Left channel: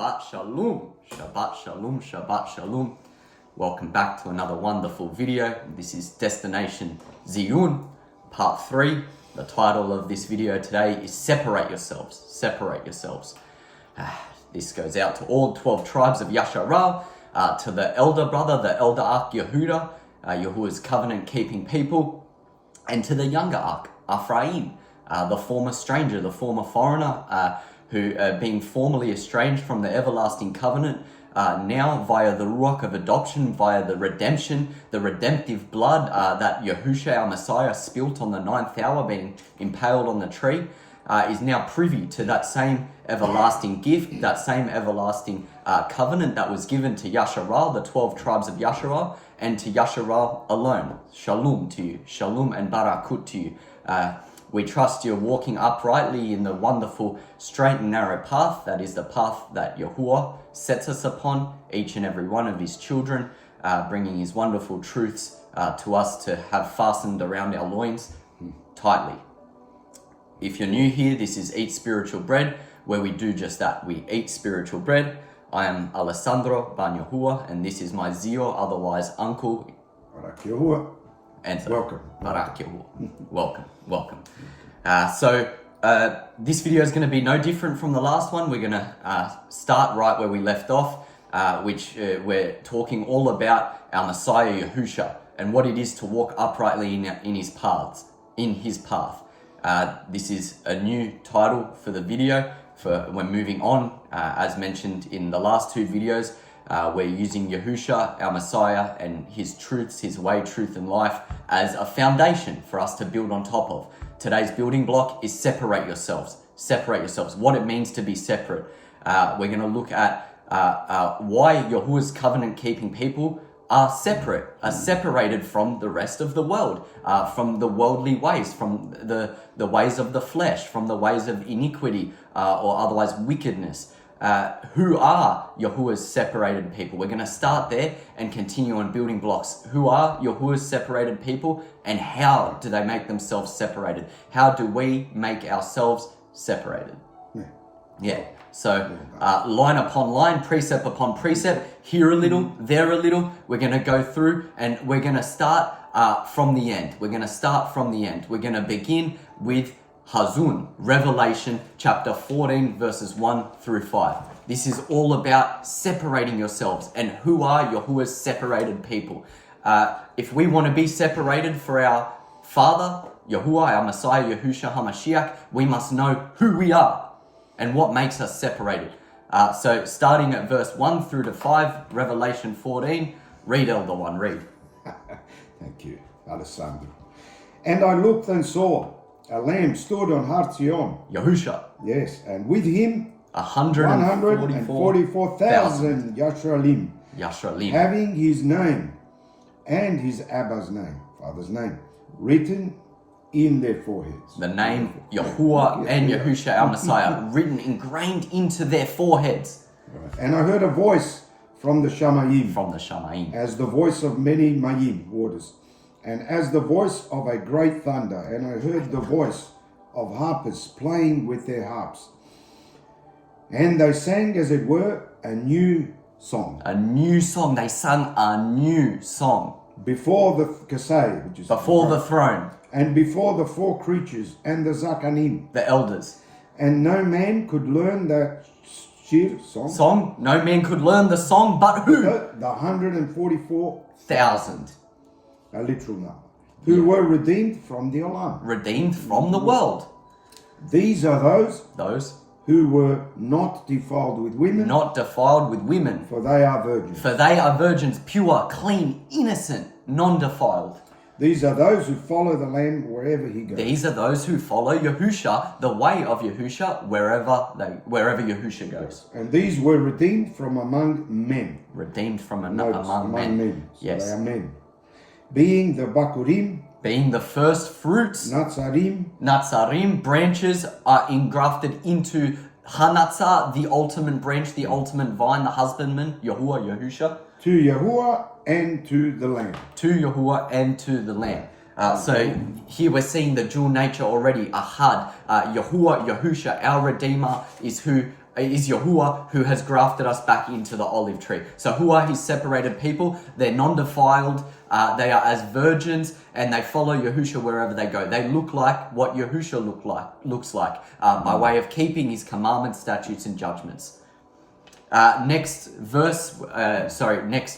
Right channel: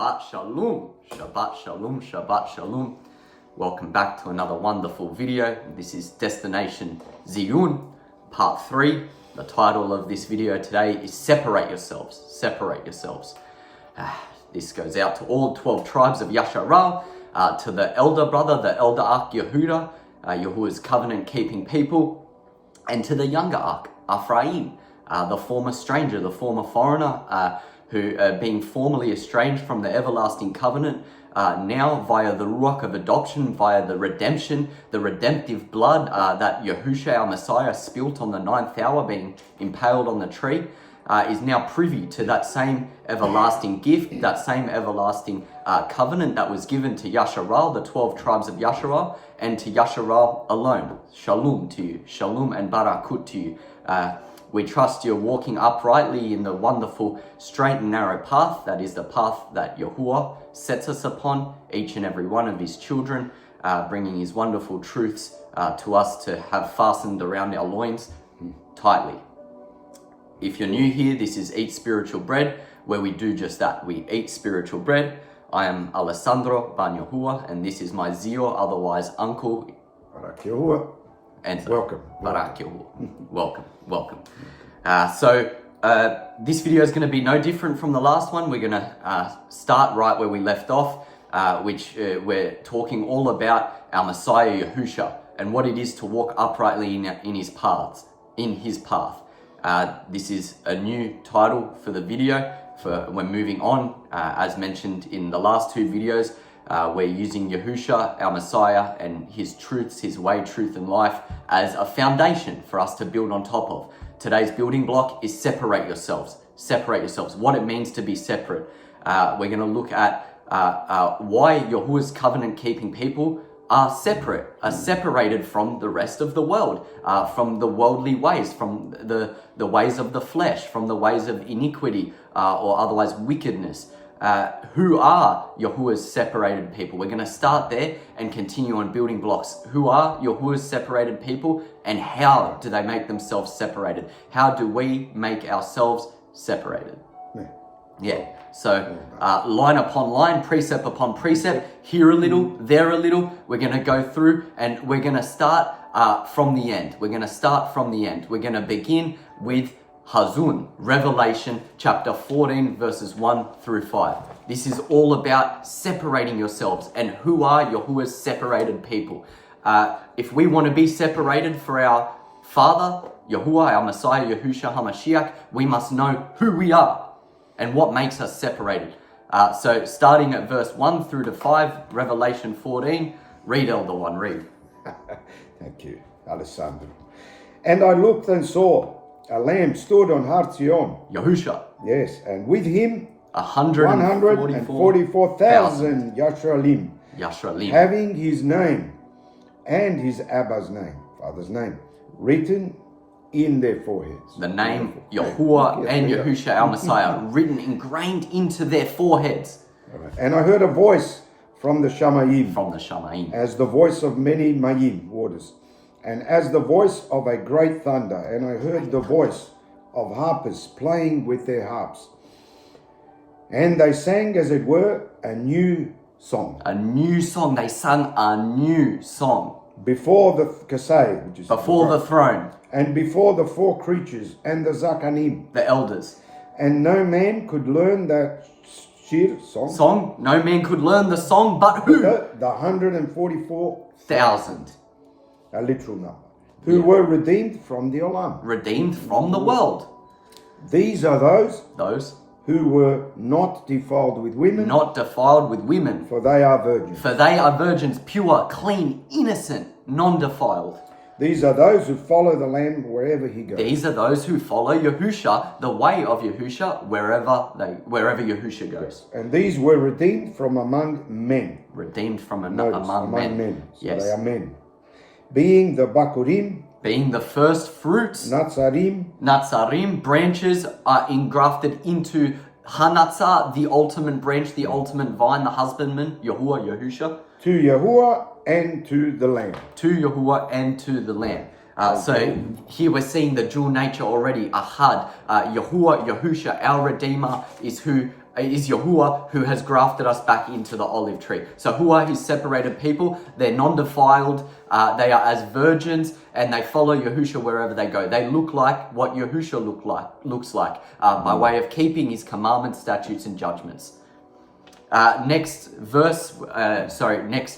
Shabbat Shalom, Shabbat Shalom, Shabbat Shalom. Welcome back to another wonderful video. This is Destination Tzyun, part 3. The title of this video today is Separate Yourselves, Separate Yourselves. This goes out to all 12 tribes of Yasharal, to the elder brother, the elder ark Yehuda, Yahuwah's covenant-keeping people, and to the younger ark, Ephraim, the former stranger, the former foreigner, who being formerly estranged from the everlasting covenant, now via the ruach of adoption, via the redemption, the redemptive blood that Yahushua our Messiah spilt on the 9th hour, being impaled on the tree, is now privy to that same everlasting gift, that same everlasting covenant that was given to Yasharal, the 12 tribes of Yasharal, and to Yasharal alone. Shalom to you, shalom and barakut to you. We trust you're walking uprightly in the wonderful straight and narrow path. That is the path that Yahuwah sets us upon, each and every one of his children, bringing his wonderful truths to us to have fastened around our loins tightly. If you're new here, this is Eat Spiritual Bread, where we do just that. We eat spiritual bread. I am Alessandro Ban Yahuwah, and this is my Zio, otherwise Uncle. Barak Yahuwah. And Welcome. Barak Yahuwah. Welcome. This video is going to be no different from the last one. We're going to start right where we left off, which we're talking all about our Messiah Yahushua and what it is to walk uprightly in his paths, in his path. This is a new title for the video. We're moving on, as mentioned in the last two videos. We're using Yahushua, our Messiah, and his truths, his way, truth, and life as a foundation for us to build on top of. Today's building block is separate yourselves. Separate yourselves. What it means to be separate. We're going to look at why Yahuwah's covenant-keeping people are separate, are separated from the rest of the world, from the worldly ways, from the ways of the flesh, from the ways of iniquity or otherwise wickedness. Who are Yahuwah's separated people? We're going to start there and continue on building blocks. Who are Yahuwah's separated people, and how do they make themselves separated? How do we make ourselves separated? Yeah. So line upon line, precept upon precept, here a little, there a little. We're going to go through and we're going to start from the end. We're going to start from the end. We're going to begin with Tzyun, Revelation chapter 14, verses 1 through 5. This is all about separating yourselves and who are Yahuwah's separated people. If we want to be separated for our Father, Yahuwah, our Messiah, Yahushua HaMashiach, we must know who we are and what makes us separated. So starting at verse 1 through to 5, Revelation 14, read, Elder One, read. Thank you, Alessandro. And I looked and saw a lamb stood on Har Tzyun. Yahushua. Yes, and with him 144,000 Yashralim, having his name and his Abba's name, father's name, written in their foreheads. The name Yahuwah and Yahushua our Messiah written, ingrained into their foreheads. Right. And I heard a voice from the Shamayim. From the Shamayim. As the voice of many Mayim, waters. And as the voice of a great thunder. And I heard the voice of harpers playing with their harps. And they sang, as it were, a new song. A new song. They sang a new song. Before the Kasei, which is before the throne. And before the four creatures and the Zakanim. The elders. And no man could learn that shir, song. No man could learn the song, but who? The 144,000. A literal number. Who were redeemed from the Olam. Redeemed from the world. These are those who were not defiled with women. Not defiled with women. For they are virgins. For they are virgins, pure, clean, innocent, non-defiled. These are those who follow the Lamb wherever he goes. These are those who follow Yahushua, the way of Yahushua, wherever Yahushua goes. And these were redeemed from among men. Redeemed from among men. So yes. they are men. Being the Bakurim. Being the first fruits. Natzarim. Branches are engrafted into Hanatzah, the ultimate branch, the ultimate vine, the husbandman, Yahuwah, Yahushua. To Yahuwah and to the Lamb. To Yahuwah and to the Lamb. So here we're seeing the dual nature already. Ahad, Yahuwah, Yahushua, our Redeemer, is who is Yahuwah who has grafted us back into the olive tree. So who are his separated people? They're non-defiled, they are as virgins, and they follow Yahusha wherever they go. They look like what Yahusha looks like by way of keeping his commandments, statutes, and judgments. Next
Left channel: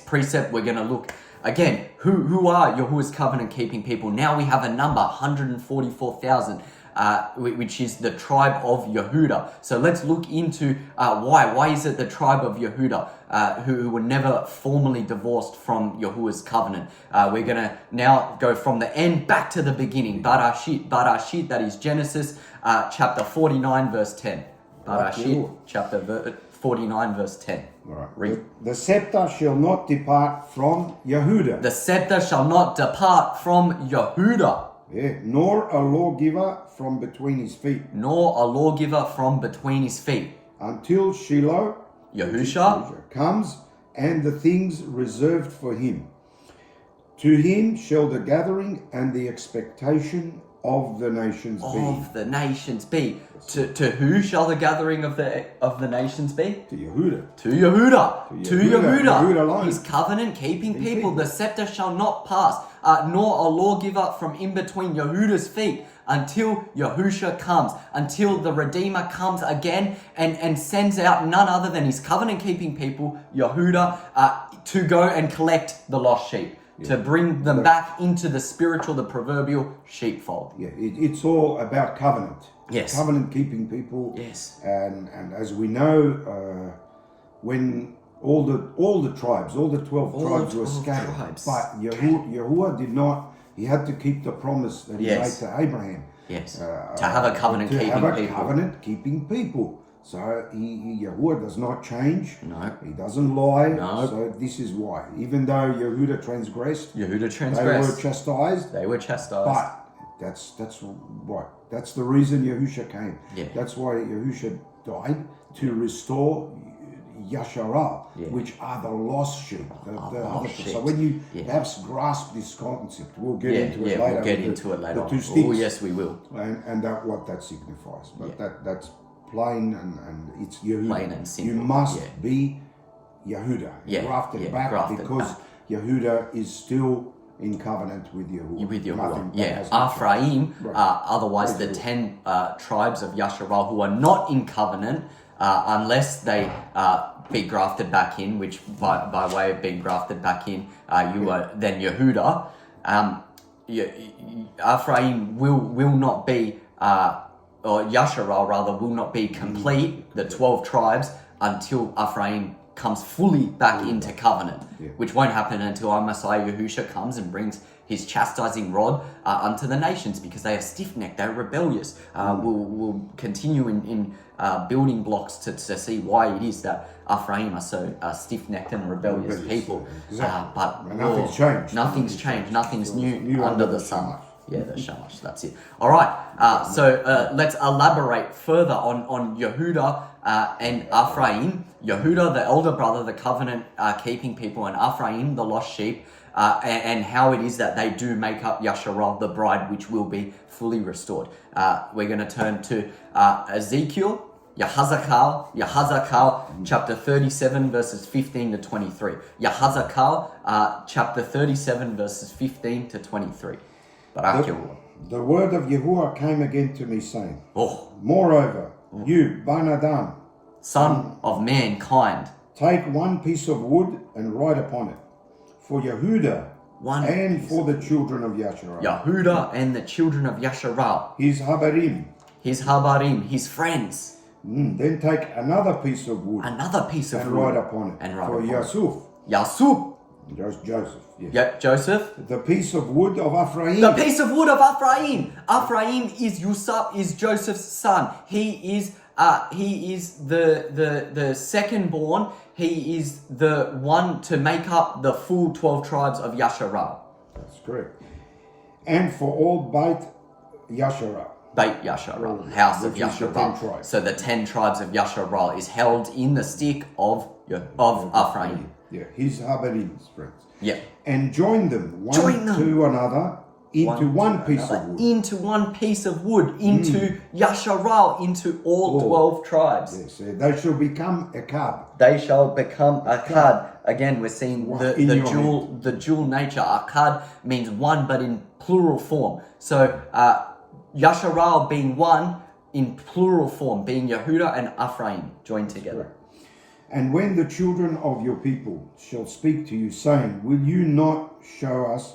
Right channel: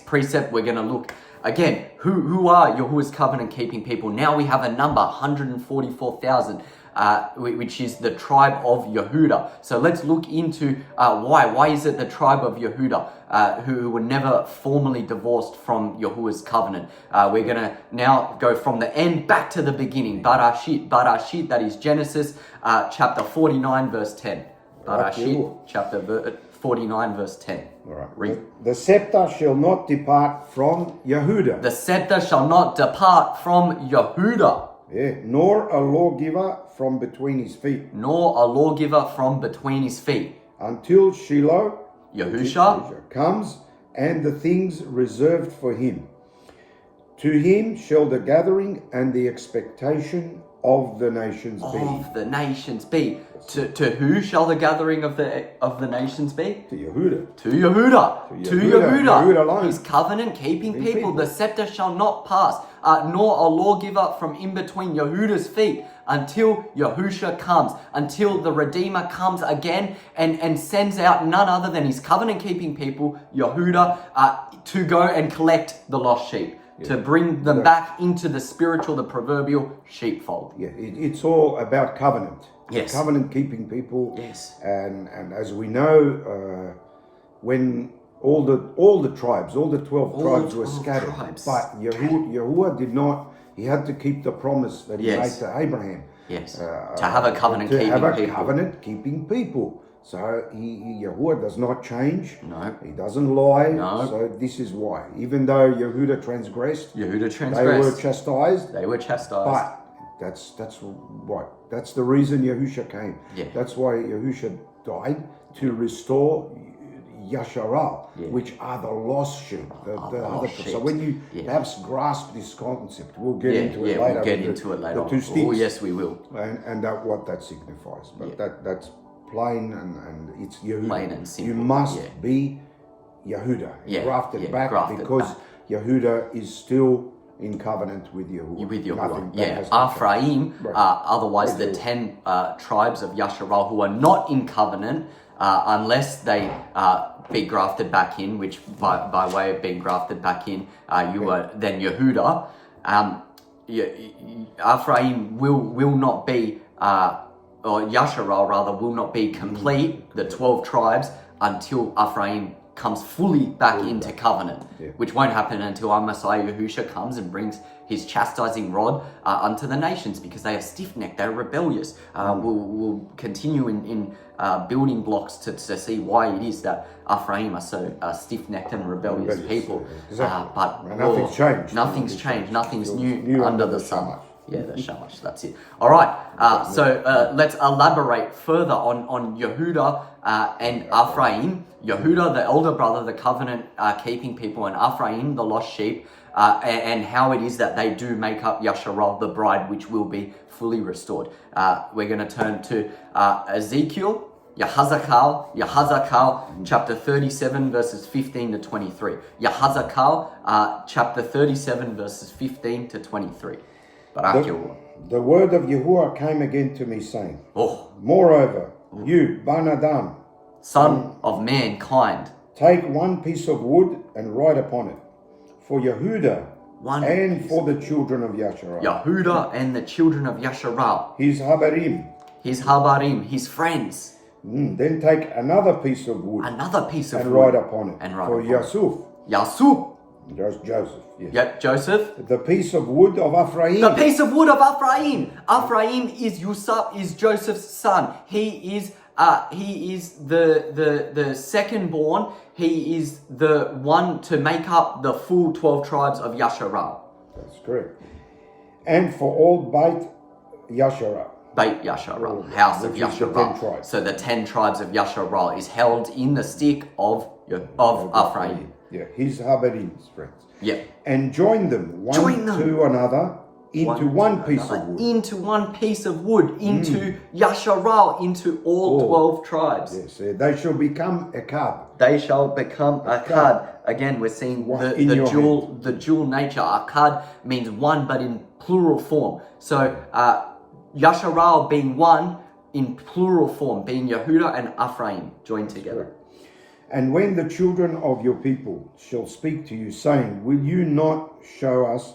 precept, we're going to look again, who are Yahuwah's covenant keeping people? Now we have a number, 144,000. Which is the tribe of Yehuda. So let's look into why. Why is it the tribe of Yehuda who were never formally divorced from Yahuwah's covenant? We're going to now go from the end back to the beginning. Barashit, that is Genesis chapter 49 verse 10. Barashit chapter 49 verse 10. All right. Read. The scepter shall not depart from Yehuda. The scepter shall not depart from Yehuda. Yeah, nor a lawgiver from between his feet. Nor a lawgiver from between his feet. Until Shiloh, Yahusha comes, and the things reserved for him. To him shall the gathering and the expectation of the nations be. Of the nations be. To who shall the gathering of the nations be? To Yehuda. To Yehuda. To Yehuda. Yehuda alone. His covenant keeping people. The scepter shall not pass, nor a lawgiver from in between Yehuda's feet, until Yahusha comes, until the Redeemer comes again and sends out none other than his covenant keeping people, Yehuda, to go and collect the lost sheep. To bring them back into the spiritual, the proverbial sheepfold. Yeah, it's all about covenant. Yes. Covenant keeping people. Yes. And as we know, when all the tribes, all the 12 tribes were scattered, but Yahuwah did not. He had to keep the promise that he made to Abraham. Yes. To have a covenant keeping people. Covenant keeping people. So Yahuwah does not change. No. He doesn't lie. No. So this is why. Even though Yehuda transgressed. They were chastised. They were chastised. But that's right. That's the reason Yahusha came. Yeah. That's why Yahusha died, to restore Yasharal, which are the lost sheep. The other sheep. So when you perhaps grasp this concept, we'll get into it later. We'll get into it later. The two sticks. Oh, yes, we will. And what that signifies. But that's plain and it's Yehuda. Plain and simple. You must be Yehuda, grafted back, because Yehuda is still in covenant with Yahuwah. With Yahuwah, Ephraim, otherwise the 10 tribes of Yasharal who are not in covenant, unless they be grafted back in, which by way of being grafted back in, you are then Yehuda. Ephraim will not be, or Yasharal rather, will not be complete, the 12 tribes, until Ephraim comes fully back into covenant, which won't happen until our Messiah Yahusha comes and brings his chastising rod unto the nations, because they are stiff-necked, they're rebellious. We'll continue in building blocks to see why it is that Ephraim are so stiff-necked and rebellious people. Exactly. But nothing's changed. Nothing's changed. Nothing's new under the sun. Yeah, the Shamash, that's it. All right, so let's elaborate further on Yehuda and Ephraim. Yehuda, the elder brother, the covenant keeping people, and Ephraim, the lost sheep, and how it is that they do make up Yasharal, the bride, which will be fully restored. We're going to turn to Ezekiel, Yahazakal, chapter 37, verses 15 to 23. Yahazakal, chapter 37, verses 15 to 23. The word of Yahuwah came again to me, saying, Moreover, you, Ban Adam, son of mankind, take one piece of wood and write upon it, for Yehuda and for the children of Yasharal. Yehuda and the children of Yasharal. His Habarim, his friends. Then take another piece of wood, and write upon it, for Yasuf. Joseph. Yes. Yep, Joseph. The piece of wood of Ephraim. The piece of wood of Ephraim. Ephraim is Joseph's son. He is the second born. He is the one to make up the full 12 tribes of Yasharal. That's correct. And for all Beit Yasharal. Beit Yasharal, house of Yasharal. So the 10 tribes of Yasharal is held in the stick of Ephraim. Yeah, his Habarim's friends. Yeah. And join them one to another into one piece of wood. Into one piece of wood, into Yasharal, into all 12 tribes. Yes, they shall become a card. They shall become Akkad. Again, we're seeing the dual nature. Akkad means one, but in plural form. So Yasharal being one in plural form, being Yehuda and Ephraim joined together. And when the children of your people shall speak to you, saying, will you not show us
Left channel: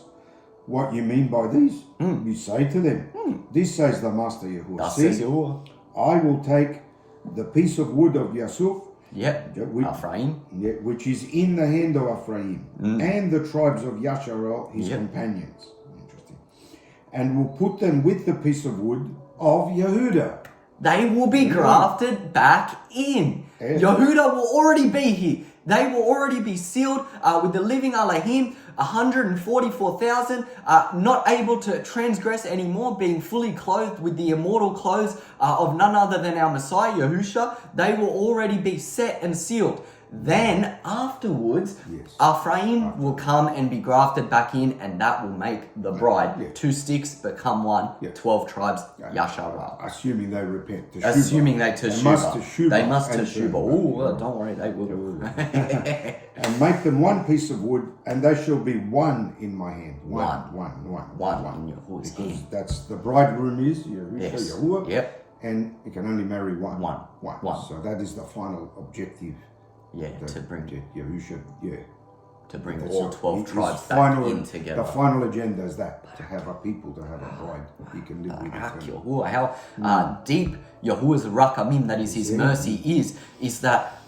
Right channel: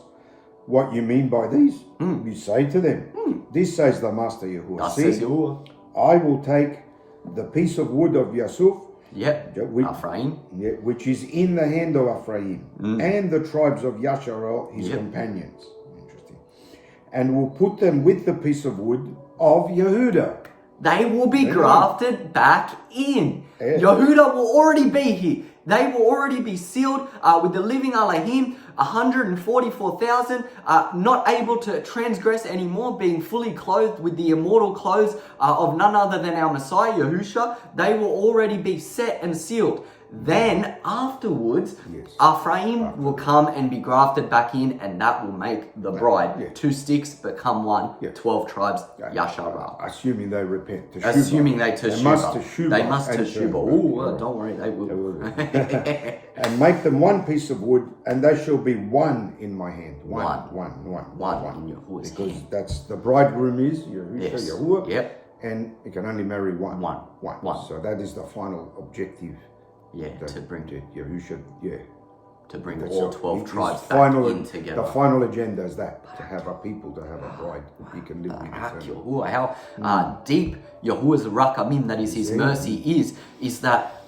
what you mean by these? You say to them, this says the Master Yahuwah. Thus says Yahuwah. I will take the piece of wood of Yasuf, Ephraim, which is in the hand of Ephraim, and the tribes of Yasharal, his companions. Interesting. And will put them with the piece of wood of Yehuda. They will be grafted back in. Yehuda will already be here. They will already be sealed with the living Elohim, 144,000, not able to transgress anymore, being fully clothed with the immortal clothes of none other than our Messiah, Yahusha. They will already be set and sealed. Then afterwards, Ephraim will come and be grafted back in, and that will make the bride. 2 sticks become one, 12 tribes, Yasharal. Assuming they repent. Assuming they teshuva. They must teshuva. Oh, don't worry, they will. And make them one piece of wood, and they shall be one in my hand. One in Yahuwah's because hand. that's the bridegroom is Yahuwah. Yep. And you can only marry one. One. So that is the final objective. To bring Yahusha, to bring all 12 tribes back in together. The final agenda is that, to have a people, to have a bride he can live with eternally. How deep Yahuwah's rakamim, that is his mercy, is that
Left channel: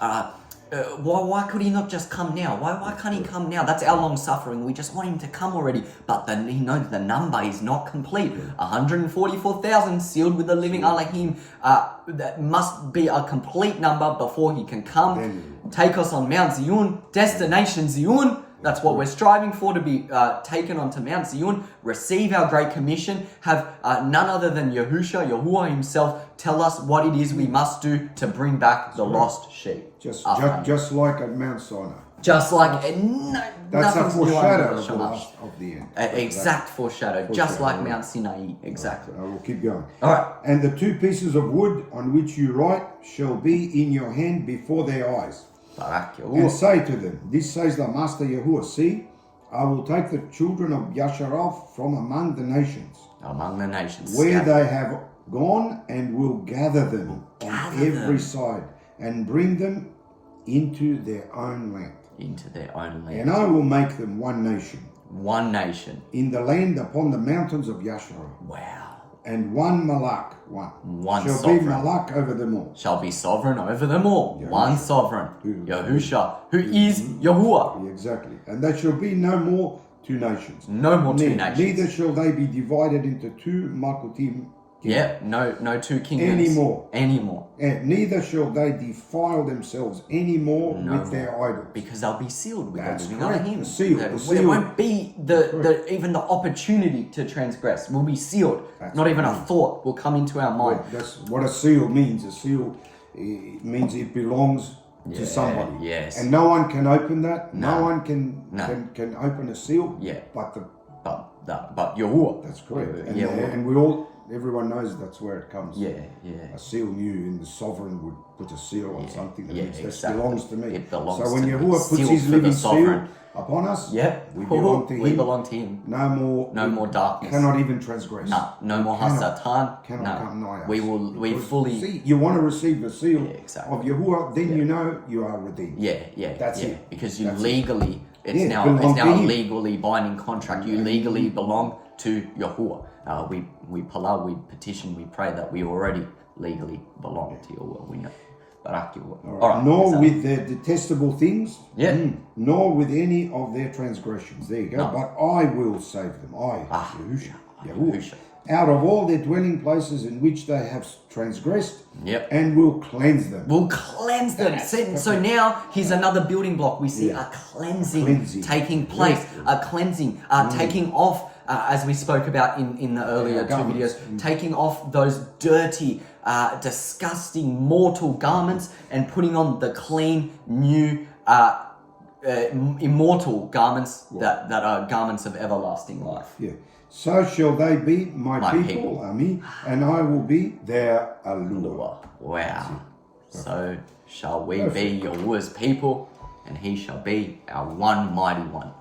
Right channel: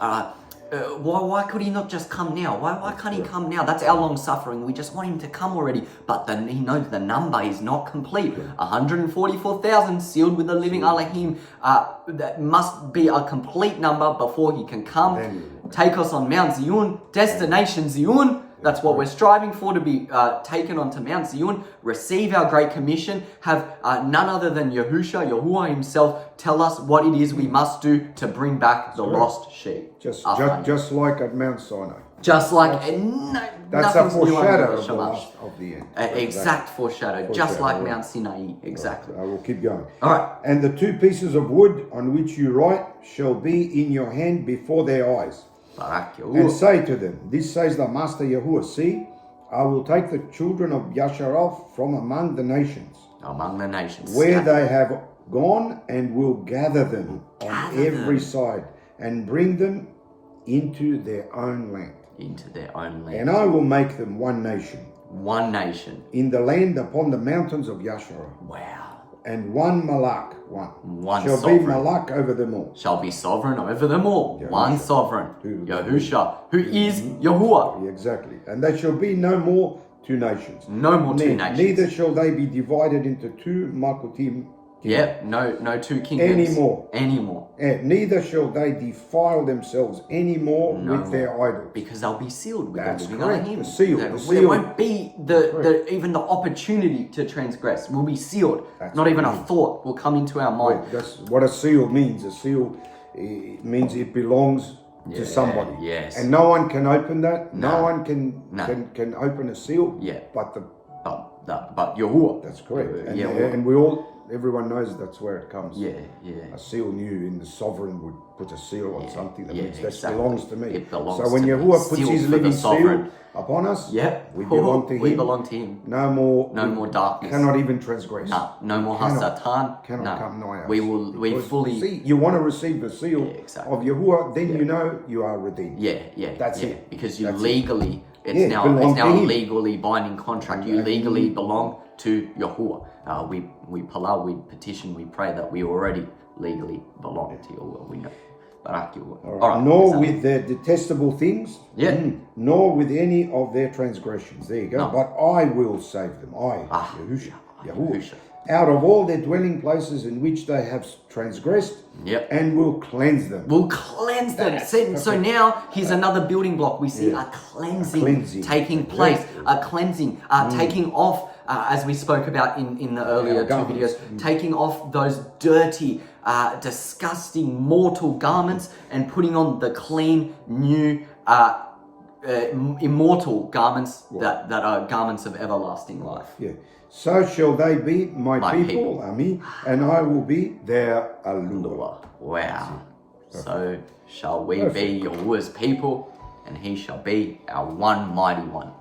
why could he not just come now? Why can't he come now? That's our long suffering. We just want him to come already. But then he knows the number is not complete. 144,000 sealed with the living Elohim. That must be a complete number before he can come. Take us on Mount Tzyun, destination Tzyun. That's what we're striving for, to be taken onto Mount Tzyun, receive our Great Commission, have none other than Yahuwah himself, tell us what it is we must do to bring back the lost sheep. Just like at Mount Sinai. Just like, that's a foreshadow of the end. Exact foreshadow, just like Mount Sinai, exactly. I will keep going. All right. And the 2 pieces of wood on which you write shall be in your hand before their eyes. And say to them, this says the Master Yahuwah, see, I will take the children of Yasharal from among the nations. Where they have gone, and will gather them on every side, and bring them into their own land. And I will make them one nation. In the land upon the mountains of Yasharal. Wow. And one Malak, shall sovereign. be Malak over them all. Shall be sovereign over them all. Yahusha. One sovereign. Yahusha, who is Yahuwah. Exactly. And there shall be no more 2 nations. No more 2 nations. Neither shall they be divided into 2 Makutim. No 2 kingdoms. Anymore. Neither shall they defile themselves anymore with their idols. Because they'll be sealed with That's the living correct. Elohim. There won't be even the opportunity to transgress. We'll be sealed. Not even a thought will come into our mind. That's what a seal means. A seal means it belongs to somebody. Yes. And no one can open that. No one can open a seal. But Yahuwah. That's correct. And everyone knows that's where it comes. A seal knew in the sovereign would put a seal on something that means that belongs to me. It belongs so when Yahuwah puts his living seal upon us, we belong to him. We belong to him. No more darkness. Cannot even transgress. No more Hasatan. Cannot come nigh us. We fully. See, you want to receive the seal of Yahuwah, then you know you are redeemed. That's it. Because you legally, it's now a legally binding contract. You legally belong to Yahuwah. We petition, we pray that we already legally belong to your will. We know. All right. Nor with their detestable things, nor with any of their transgressions. There you go. No. But I will save them. Yahuwah. Out of all their dwelling places in which they have transgressed, and will cleanse them. So now here's another building block. We see a cleansing taking place. A cleansing, taking off. As we spoke about in the earlier 2 videos, taking off those dirty, disgusting, mortal garments and putting on the clean, new, immortal garments that are garments of everlasting life. Yeah. So shall they be my My people, people. Ami, and I will be their Alua. Wow. So shall we be Yahuwah's people, and he shall be our one mighty one.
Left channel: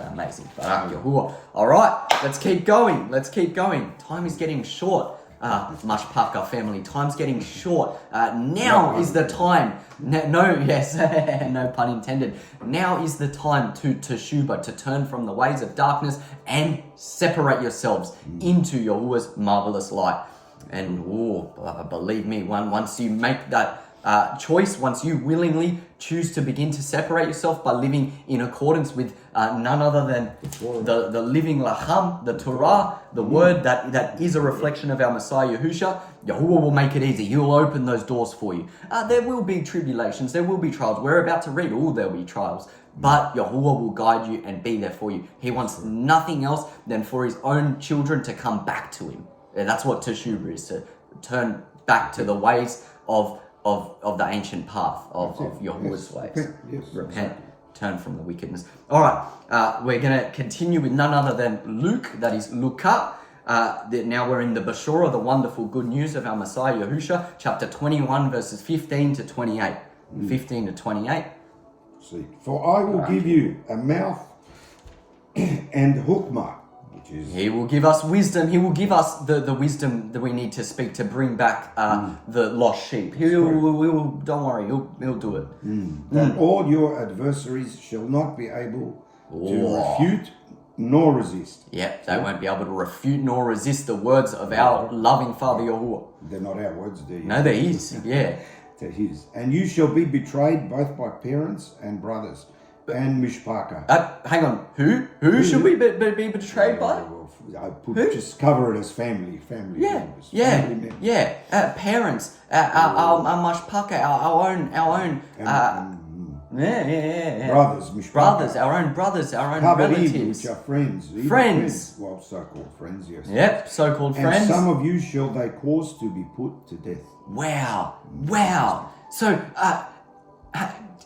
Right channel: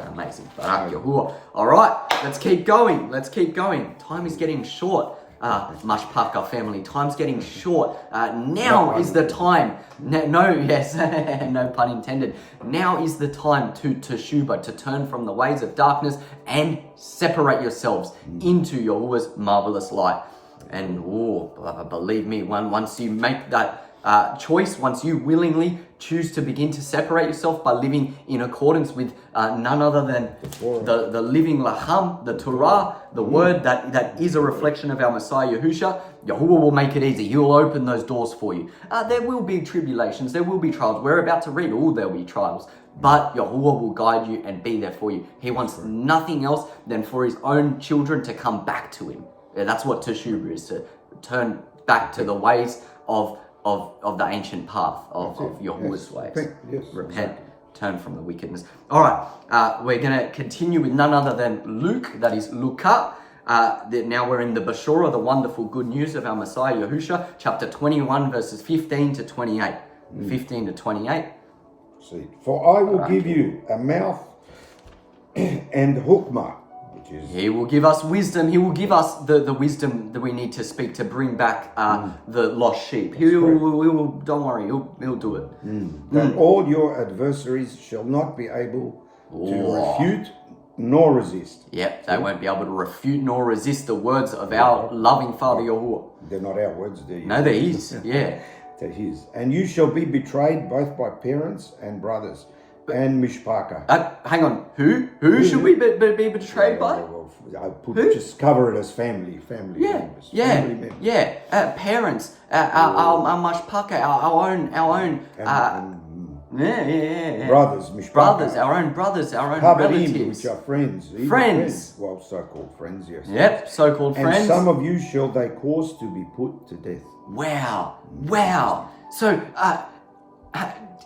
Amazing. Barak Yahuwah. All right, let's keep going. Let's keep going. Time is getting short. Mashpaka family, time's getting short. Now is the time. No pun intended. Now is the time to teshuba, to turn from the ways of darkness and separate yourselves into Yahuwah's marvelous light. And believe me, once you make that choice, once you willingly choose to begin to separate yourself by living in accordance with none other than the living Laham, the Torah, the word that is a reflection of our Messiah Yahusha, Yahuwah will make it easy. He will open those doors for you. There will be tribulations, there will be trials. We're about to read, there'll be trials. But Yahuwah will guide you and be there for you. He wants nothing else than for his own children to come back to him. That's what Teshuvah is, to turn back to the ways of the ancient path of Yahuwah's ways. Repent, turn from the wickedness. All right, we're going to continue with none other than Luke, that is Luka. Now we're in the Bashora, the wonderful good news of our Messiah Yahusha, chapter 21, verses 15 to 28. 15 to 28. See, for I will give you a mouth and hukmah. He will give us wisdom. He will give us the wisdom that we need to speak to bring back the lost sheep. Don't worry, he'll do it. That all your adversaries shall not be able to refute nor resist. Yep, they won't be able to refute nor resist the words of our loving Father Yahuwah. They're not our words, they're No, they're his. Yeah. They're his. And you shall be betrayed both by parents and brothers. And mishpaka. Hang on. Who should we be betrayed by? Just cover it as family members. Family members. Parents, our mashpaka, our own. Brothers, mishpaka. Brothers, our own relatives. Which are friends. Friends. Well, so-called friends, yes. Yep, so-called friends. And some of you shall they cause to be put to death. Wow. So,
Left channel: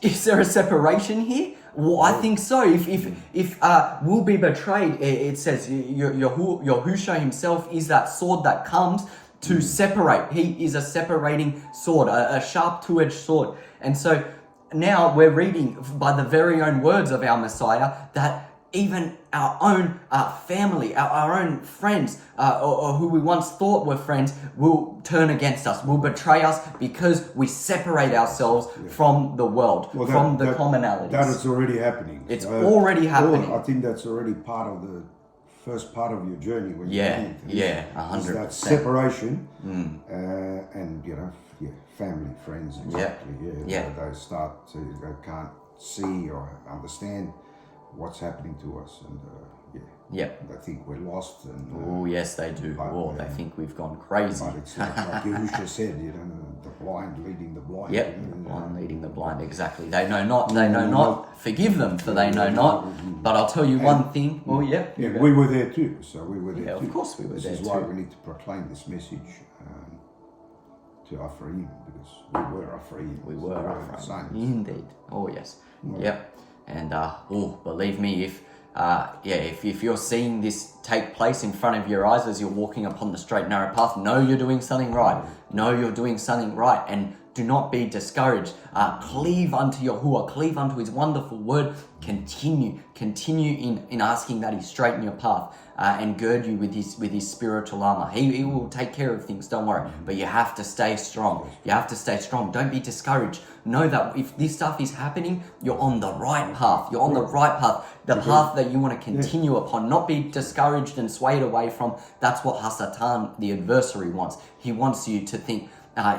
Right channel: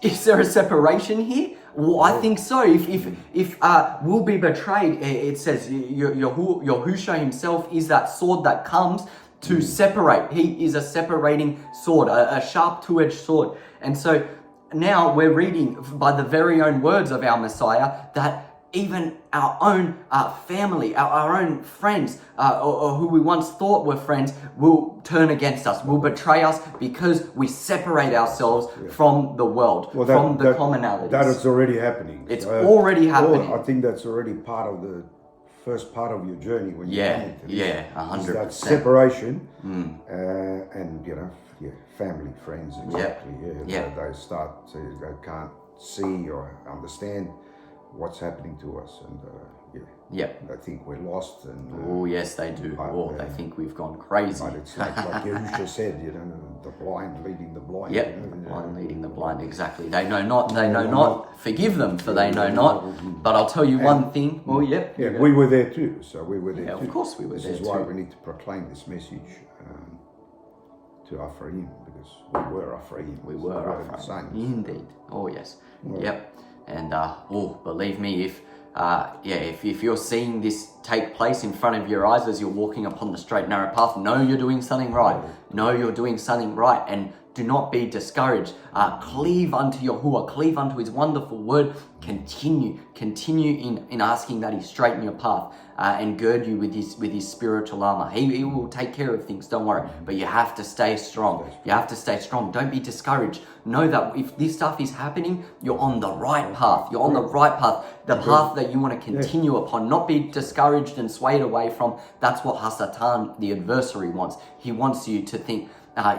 is there a separation here? Well, I think so. If we'll be betrayed, it says Yahusha himself is that sword that comes to separate. He is a separating sword, a sharp two-edged sword. And so now we're reading by the very own words of our Messiah that even our own family, our own friends, or who we once thought were friends, will turn against us, will betray us because we separate ourselves from the world, from the commonalities. That is already happening. It's already happening. I think that's already part of the first part of your journey when you 100%. That separation, and family, friends, exactly. They start to, they can't see or understand what's happening to us, and they think we're lost. And yes, they do. They think we've gone crazy. But it's like Yahusha said, the blind leading the blind. The blind leading the blind. Exactly. They know not. Forgive them, for they know not. But I'll tell you one thing. We were there too. So we were there too. Of course we were there too. This is why we need to proclaim this message to Ephraim, because we were Ephraim. We were Ephraim. Indeed. Oh yes. Yep. And believe me, if you're seeing this take place in front of your eyes as you're walking upon the straight and narrow path, know you're doing something right. Know you're doing something right, and do not be discouraged. Cleave unto Yahuwah, cleave unto his wonderful word. Continue in asking that he straighten your path. And gird you with his spiritual armor. He will take care of things, don't worry. But you have to stay strong. Don't be discouraged. Know that if this stuff is happening, you're on the right path. You're on the right path. The path that you want to continue upon. Not be discouraged and swayed away from. That's what Hasatan, the adversary, wants. He wants you to think,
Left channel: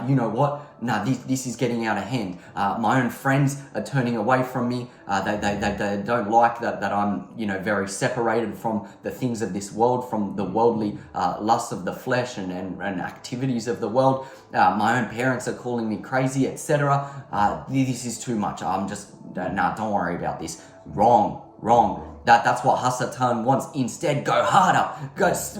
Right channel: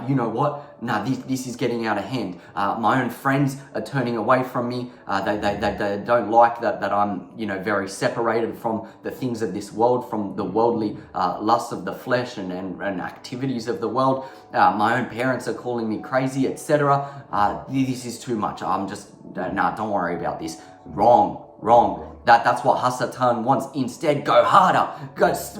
you know what? No, this is getting out of hand. My own friends are turning away from me. They don't like that I'm, very separated from the things of this world, from the worldly lusts of the flesh and activities of the world. My own parents are calling me crazy, etc. This is too much. I'm just, don't worry about this. Wrong. That's what Hasatan wants. Instead, go harder.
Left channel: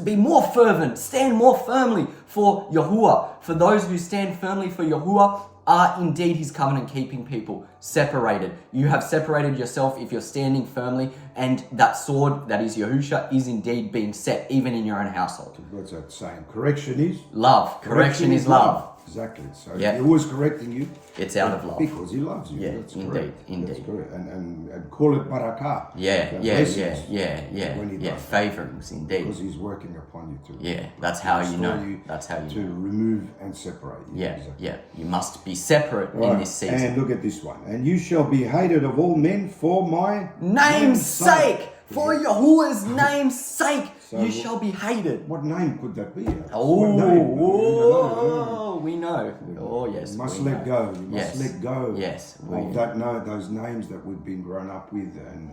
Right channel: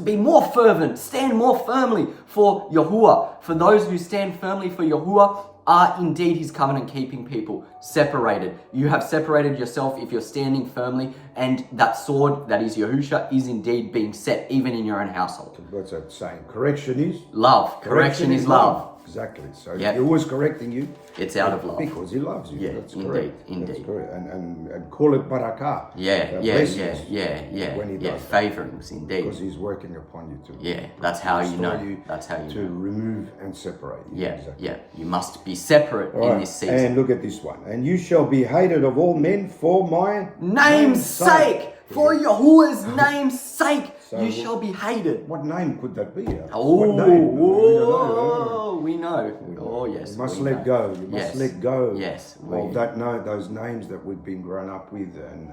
Be more fervent. Stand more firmly for Yahuwah. For those who stand firmly for Yahuwah, are indeed his covenant-keeping people, separated. You have separated yourself if you're standing firmly, and that sword, that is Yahusha, is indeed being set, even in your own household. What's that saying? Correction is? Love. Correction is love. Exactly. So Yep. he was correcting you. It's out of love. Because he loves you. Yeah, That's indeed, correct. indeed. That's correct. And call it barakah. Yeah, The yeah, blessings when he yeah. does that. Favorings, indeed. Because he's working upon you too. Yeah, that's how you know. You That's how you to know. remove and separate you. Yeah, Exactly. yeah. You must be separate in Right, this season. and look at this one. And you shall be hated of all men for my Name's sake! For Yahuwah's name's sake, So- you shall be hated. What name could that be? Oh, What name? we know. Oh, yes. You must we let know. go. You must Yes. let go Yes, of those names that we've been grown up with and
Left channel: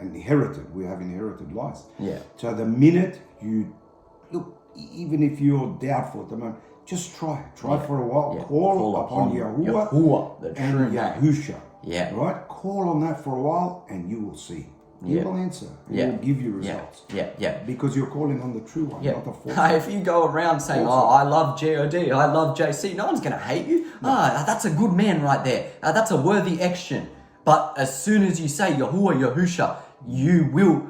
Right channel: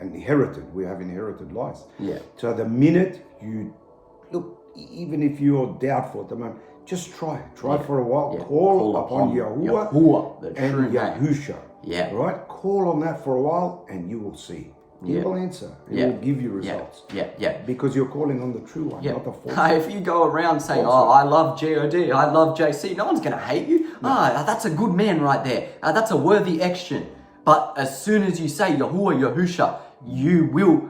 inherited. We have inherited lives. Yeah. So the minute you look, even if you're doubtful at the moment, just try. Try for a while. Yeah. Call upon Yahuwah the true and name. Yahusha. Yeah. Right? Call on that for a while and you will see. He Yeah. will answer. He Yeah. will give you Yeah, results. yeah. Because you're calling on the true one, Yeah. not the false one. If you go around saying, False "Oh, one. I love God, I love JC," no one's going to hate you. That's a good man right there. That's a worthy action. But as soon as you say Yahuwah, Yahusha, you will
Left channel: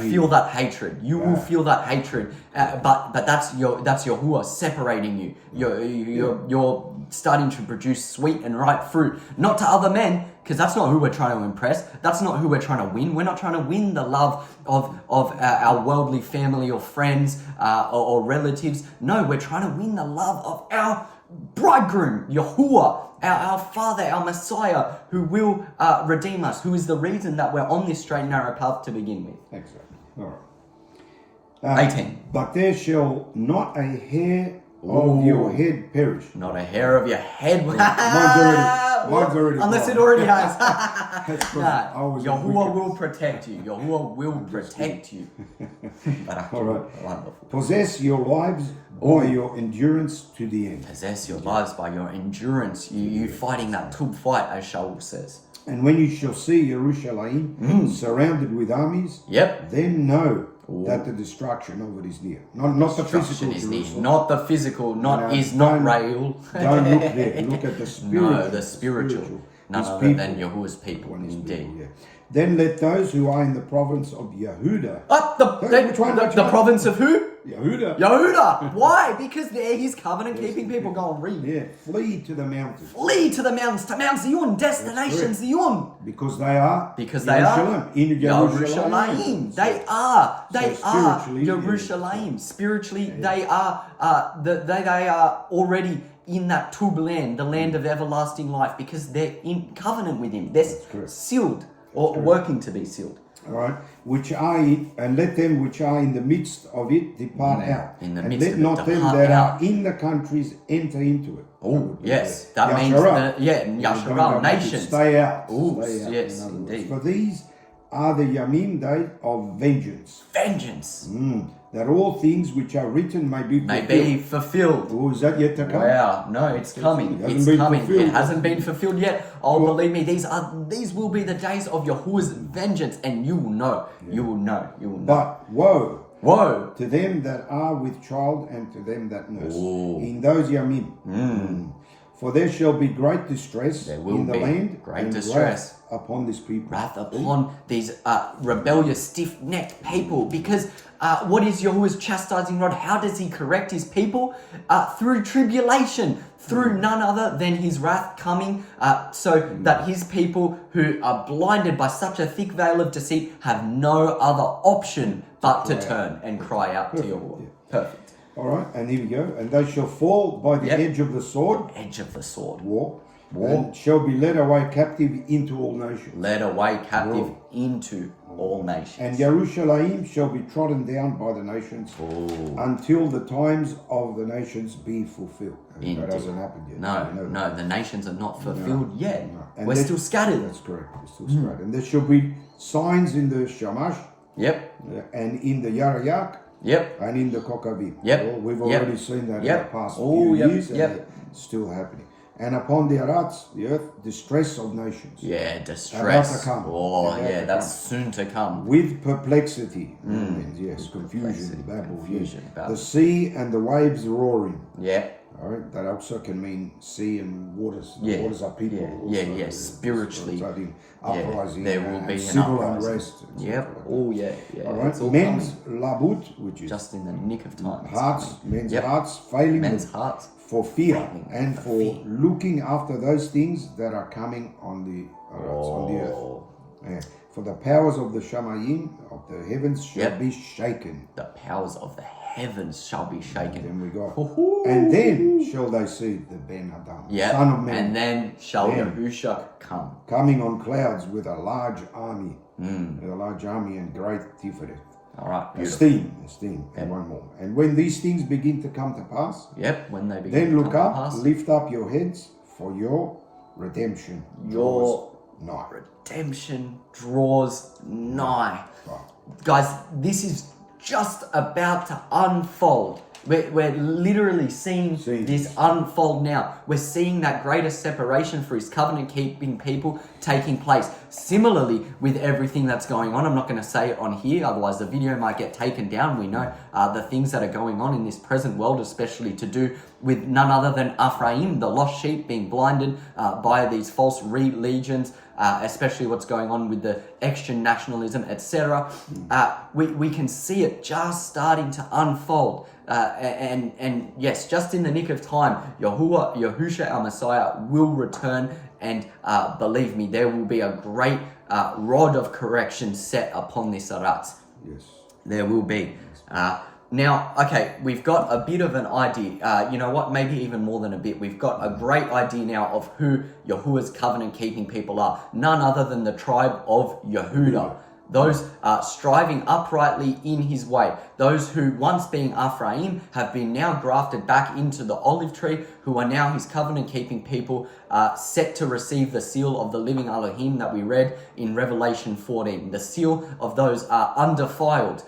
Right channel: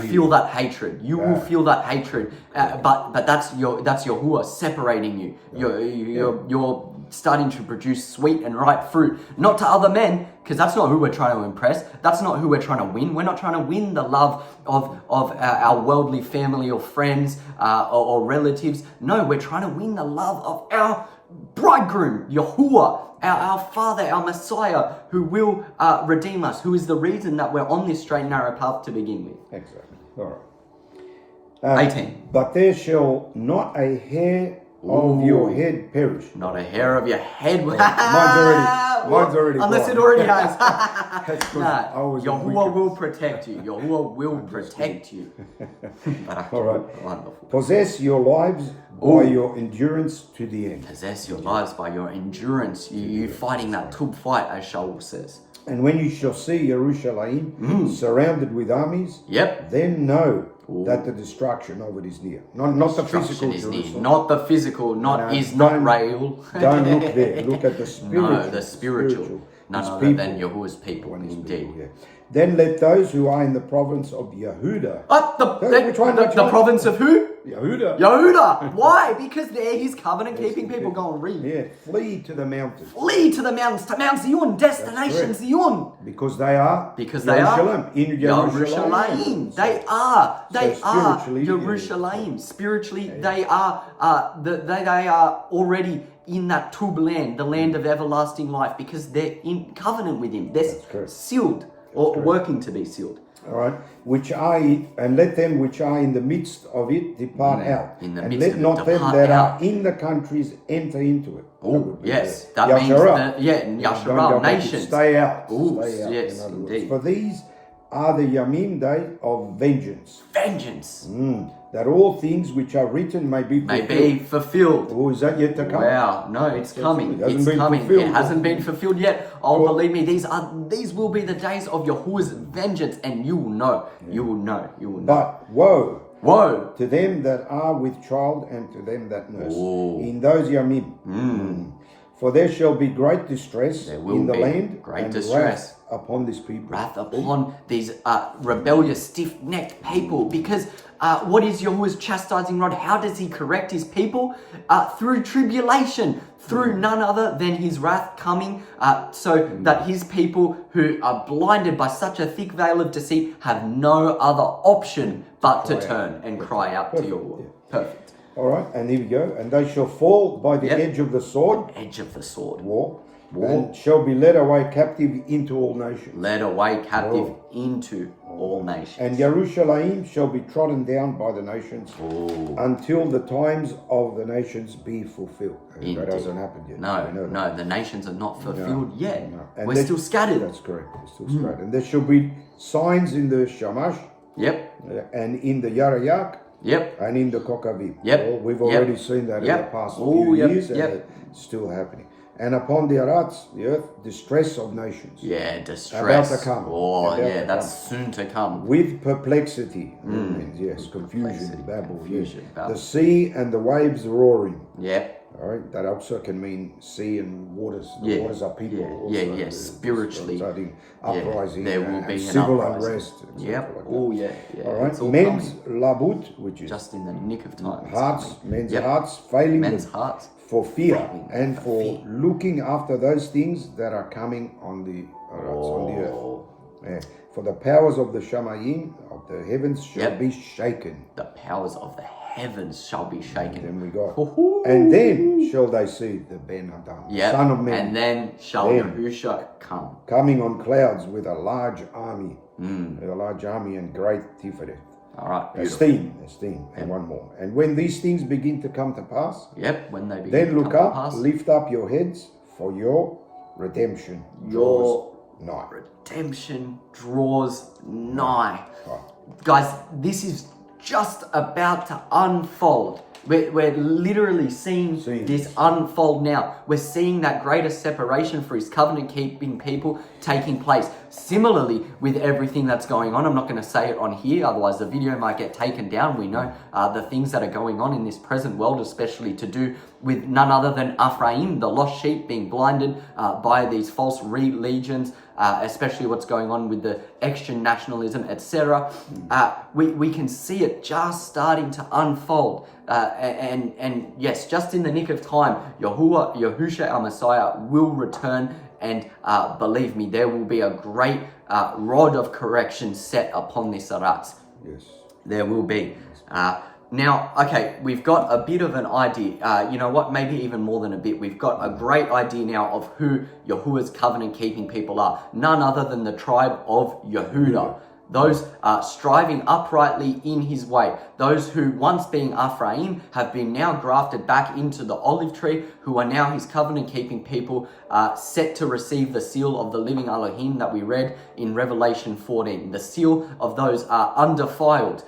feel that hatred. You will feel that hatred. But that's Yahuwah separating you. You're starting to produce sweet and ripe fruit, not to other men, because that's not who we're trying to impress. That's not who we're trying to win. We're not trying to win the love of our worldly family or friends or relatives. No, we're trying to win the love of our bridegroom, Yahuwah, our Father, our Messiah, who will redeem us, who is the reason that we're on this straight and narrow path to begin with. Exactly. All right. 18. But there shall not a hair of your head perish. Not a hair of your head. Mine's already Unless gone. it already has. That's Nah, I was Yahuwah wicked. will protect you. Yahuwah will protect you. All right. Wonderful. Possess your lives by your endurance to the end. Possess your lives by your endurance. You fighting that tub fight, as Shaul says. And when you shall see Jerusalem surrounded with armies, Yep. then know that the destruction of it is near. Not the physical Destruction is near. Jerusalem. Not the physical, not don't- real. Don't look there. Look at the spiritual. No, the spiritual. None His other people. than Yahuwah's people, His indeed. people, yeah. Then let those who are in the province of Yehuda. The Which one? province of who? Yehuda. Yehuda. Why? Because they're his covenant-keeping people. Go and read. Yeah, flee to the mountains. Flee to the mountains, to Mount Tzyun, destination Tzyun. Because they are. Because they are Jerusalem, in Jerusalem. They are spiritually, Jerusalem. Spiritually, they are they are already in that tub land, the land of everlasting life, because they're in covenant with him. They're correct. sealed or working to be sealed. All right, and let them which are in the midst of it depart out, In the and midst let of it not them depart that out. are in the countries enter into it. Oh, yes. Yeah. That means, Yasharal. Yasharal, Don't go back, nations. Stay out. Ooh, Stay out, yes, in other words. indeed. For these are the Yamim day of vengeance, Vengeance that all things which are written may be may fulfilled. be fulfilled. Oh, is that yet to come? Wow, no, it's coming. It hasn't It's been coming. fulfilled. It hasn't been fulfilled yet. Oh, believe me, these will be the days of Yahuwah's vengeance, and you will know. You will know. You will know. But woe Woe! to them that are with child and to them that nurse. Ooh. In those Yamim. For there shall be great distress There will in the be land great and distress. wrath upon this people. Wrath upon these rebellious, stiff-necked people. Because what is Yahuwah's chastising rod? How does he correct his people? Through tribulation. Through none other than his wrath coming, so that his people who are blinded by such a thick veil of deceit have no other option but to turn and cry out to Yahuwah. Perfect. All right, and here we go. And they shall fall by the edge of the sword, Edge of the sword. war, and shall be led away captive into all nations. Led away captive into all nations. And Jerusalem shall be trodden down by the nations Ooh. until the times of the nations be fulfilled. And Indeed. that hasn't happened yet. No, We know that. no, the nations are not fulfilled yet. No. And We're there- still scattered. That's correct. We're still scattered. And there shall be signs in the Shamash Yep, and in the Yarayak yep, and in the Kokavim. Yep. Well, we've Yep. already seen that Yep. in the past Oh, few yep. years, and Yep. it's still happening. And upon the Arats, the earth, distress of nations, yeah, distress. About to come. Oh, About yeah, to that's soon to come. with perplexity. Yes, confusion, Perplexity, babble. confusion, Yes. babble. The sea and the waves roaring. Yep, All right, that also can mean sea and waters. The Yeah, waters are people. yeah, also. yeah, yeah. Spiritually, Uprising, there will and be an civil uprising. unrest. Yep. Like Oh, yeah, yeah. all right, It's all men's coming labut, which is just in the nick of time. It's hearts, coming. men's Yep. hearts failing Men's hearts. for fear failing and for for fear. looking after those things that are coming on the earth. Oh, Yeah. For the powers of the Shamayim of the heavens shall Yep. be shaken. the powers of the heavens shall be shaken. Then we got, Hoo-hoo. and then shall they see the Ben Adam, Yep. Son of Man, And then shall Then. Yahusha come. coming on clouds with a large army, Mm. with a large army and great Tiferet. All right, beautiful. Esteem, and one more. And when these things begin to come to pass, Yep, when they begin then to look come up, to pass, lift up your heads, for your redemption your draws nigh. redemption draws nigh. Oh, Guys, this is just about to unfold. We're literally seeing this unfold now. We're seeing that greater separation for his covenant-keeping people taking place. Similarly, with everything that's going on, I'm not going to say it on here, otherwise the video might get taken down. We know the things that are going on in this present world, especially to do with none other than Ephraim, the lost sheep, being blinded by these false religions, especially what's going on with the extra nationalism, etc. We can see it just starting to unfold. And yes, just in the nick of time, Yahusha our Messiah will return, and believe me, there will be a great rod of correction set upon this Arat. yes. There will be. Now, okay, we've got a bit of an idea. You know what? Maybe even more than a bit. We've got a great idea now of who Yahuwah's covenant-keeping people are. None other than the tribe of Yehuda. Those striving uprightly in his way. Those who, once being Ephraim, have been now grafted back into the olive tree, who are now his covenant-keeping people, set to receive the seal of the living Elohim that we read in Revelation 14. The seal of those undefiled,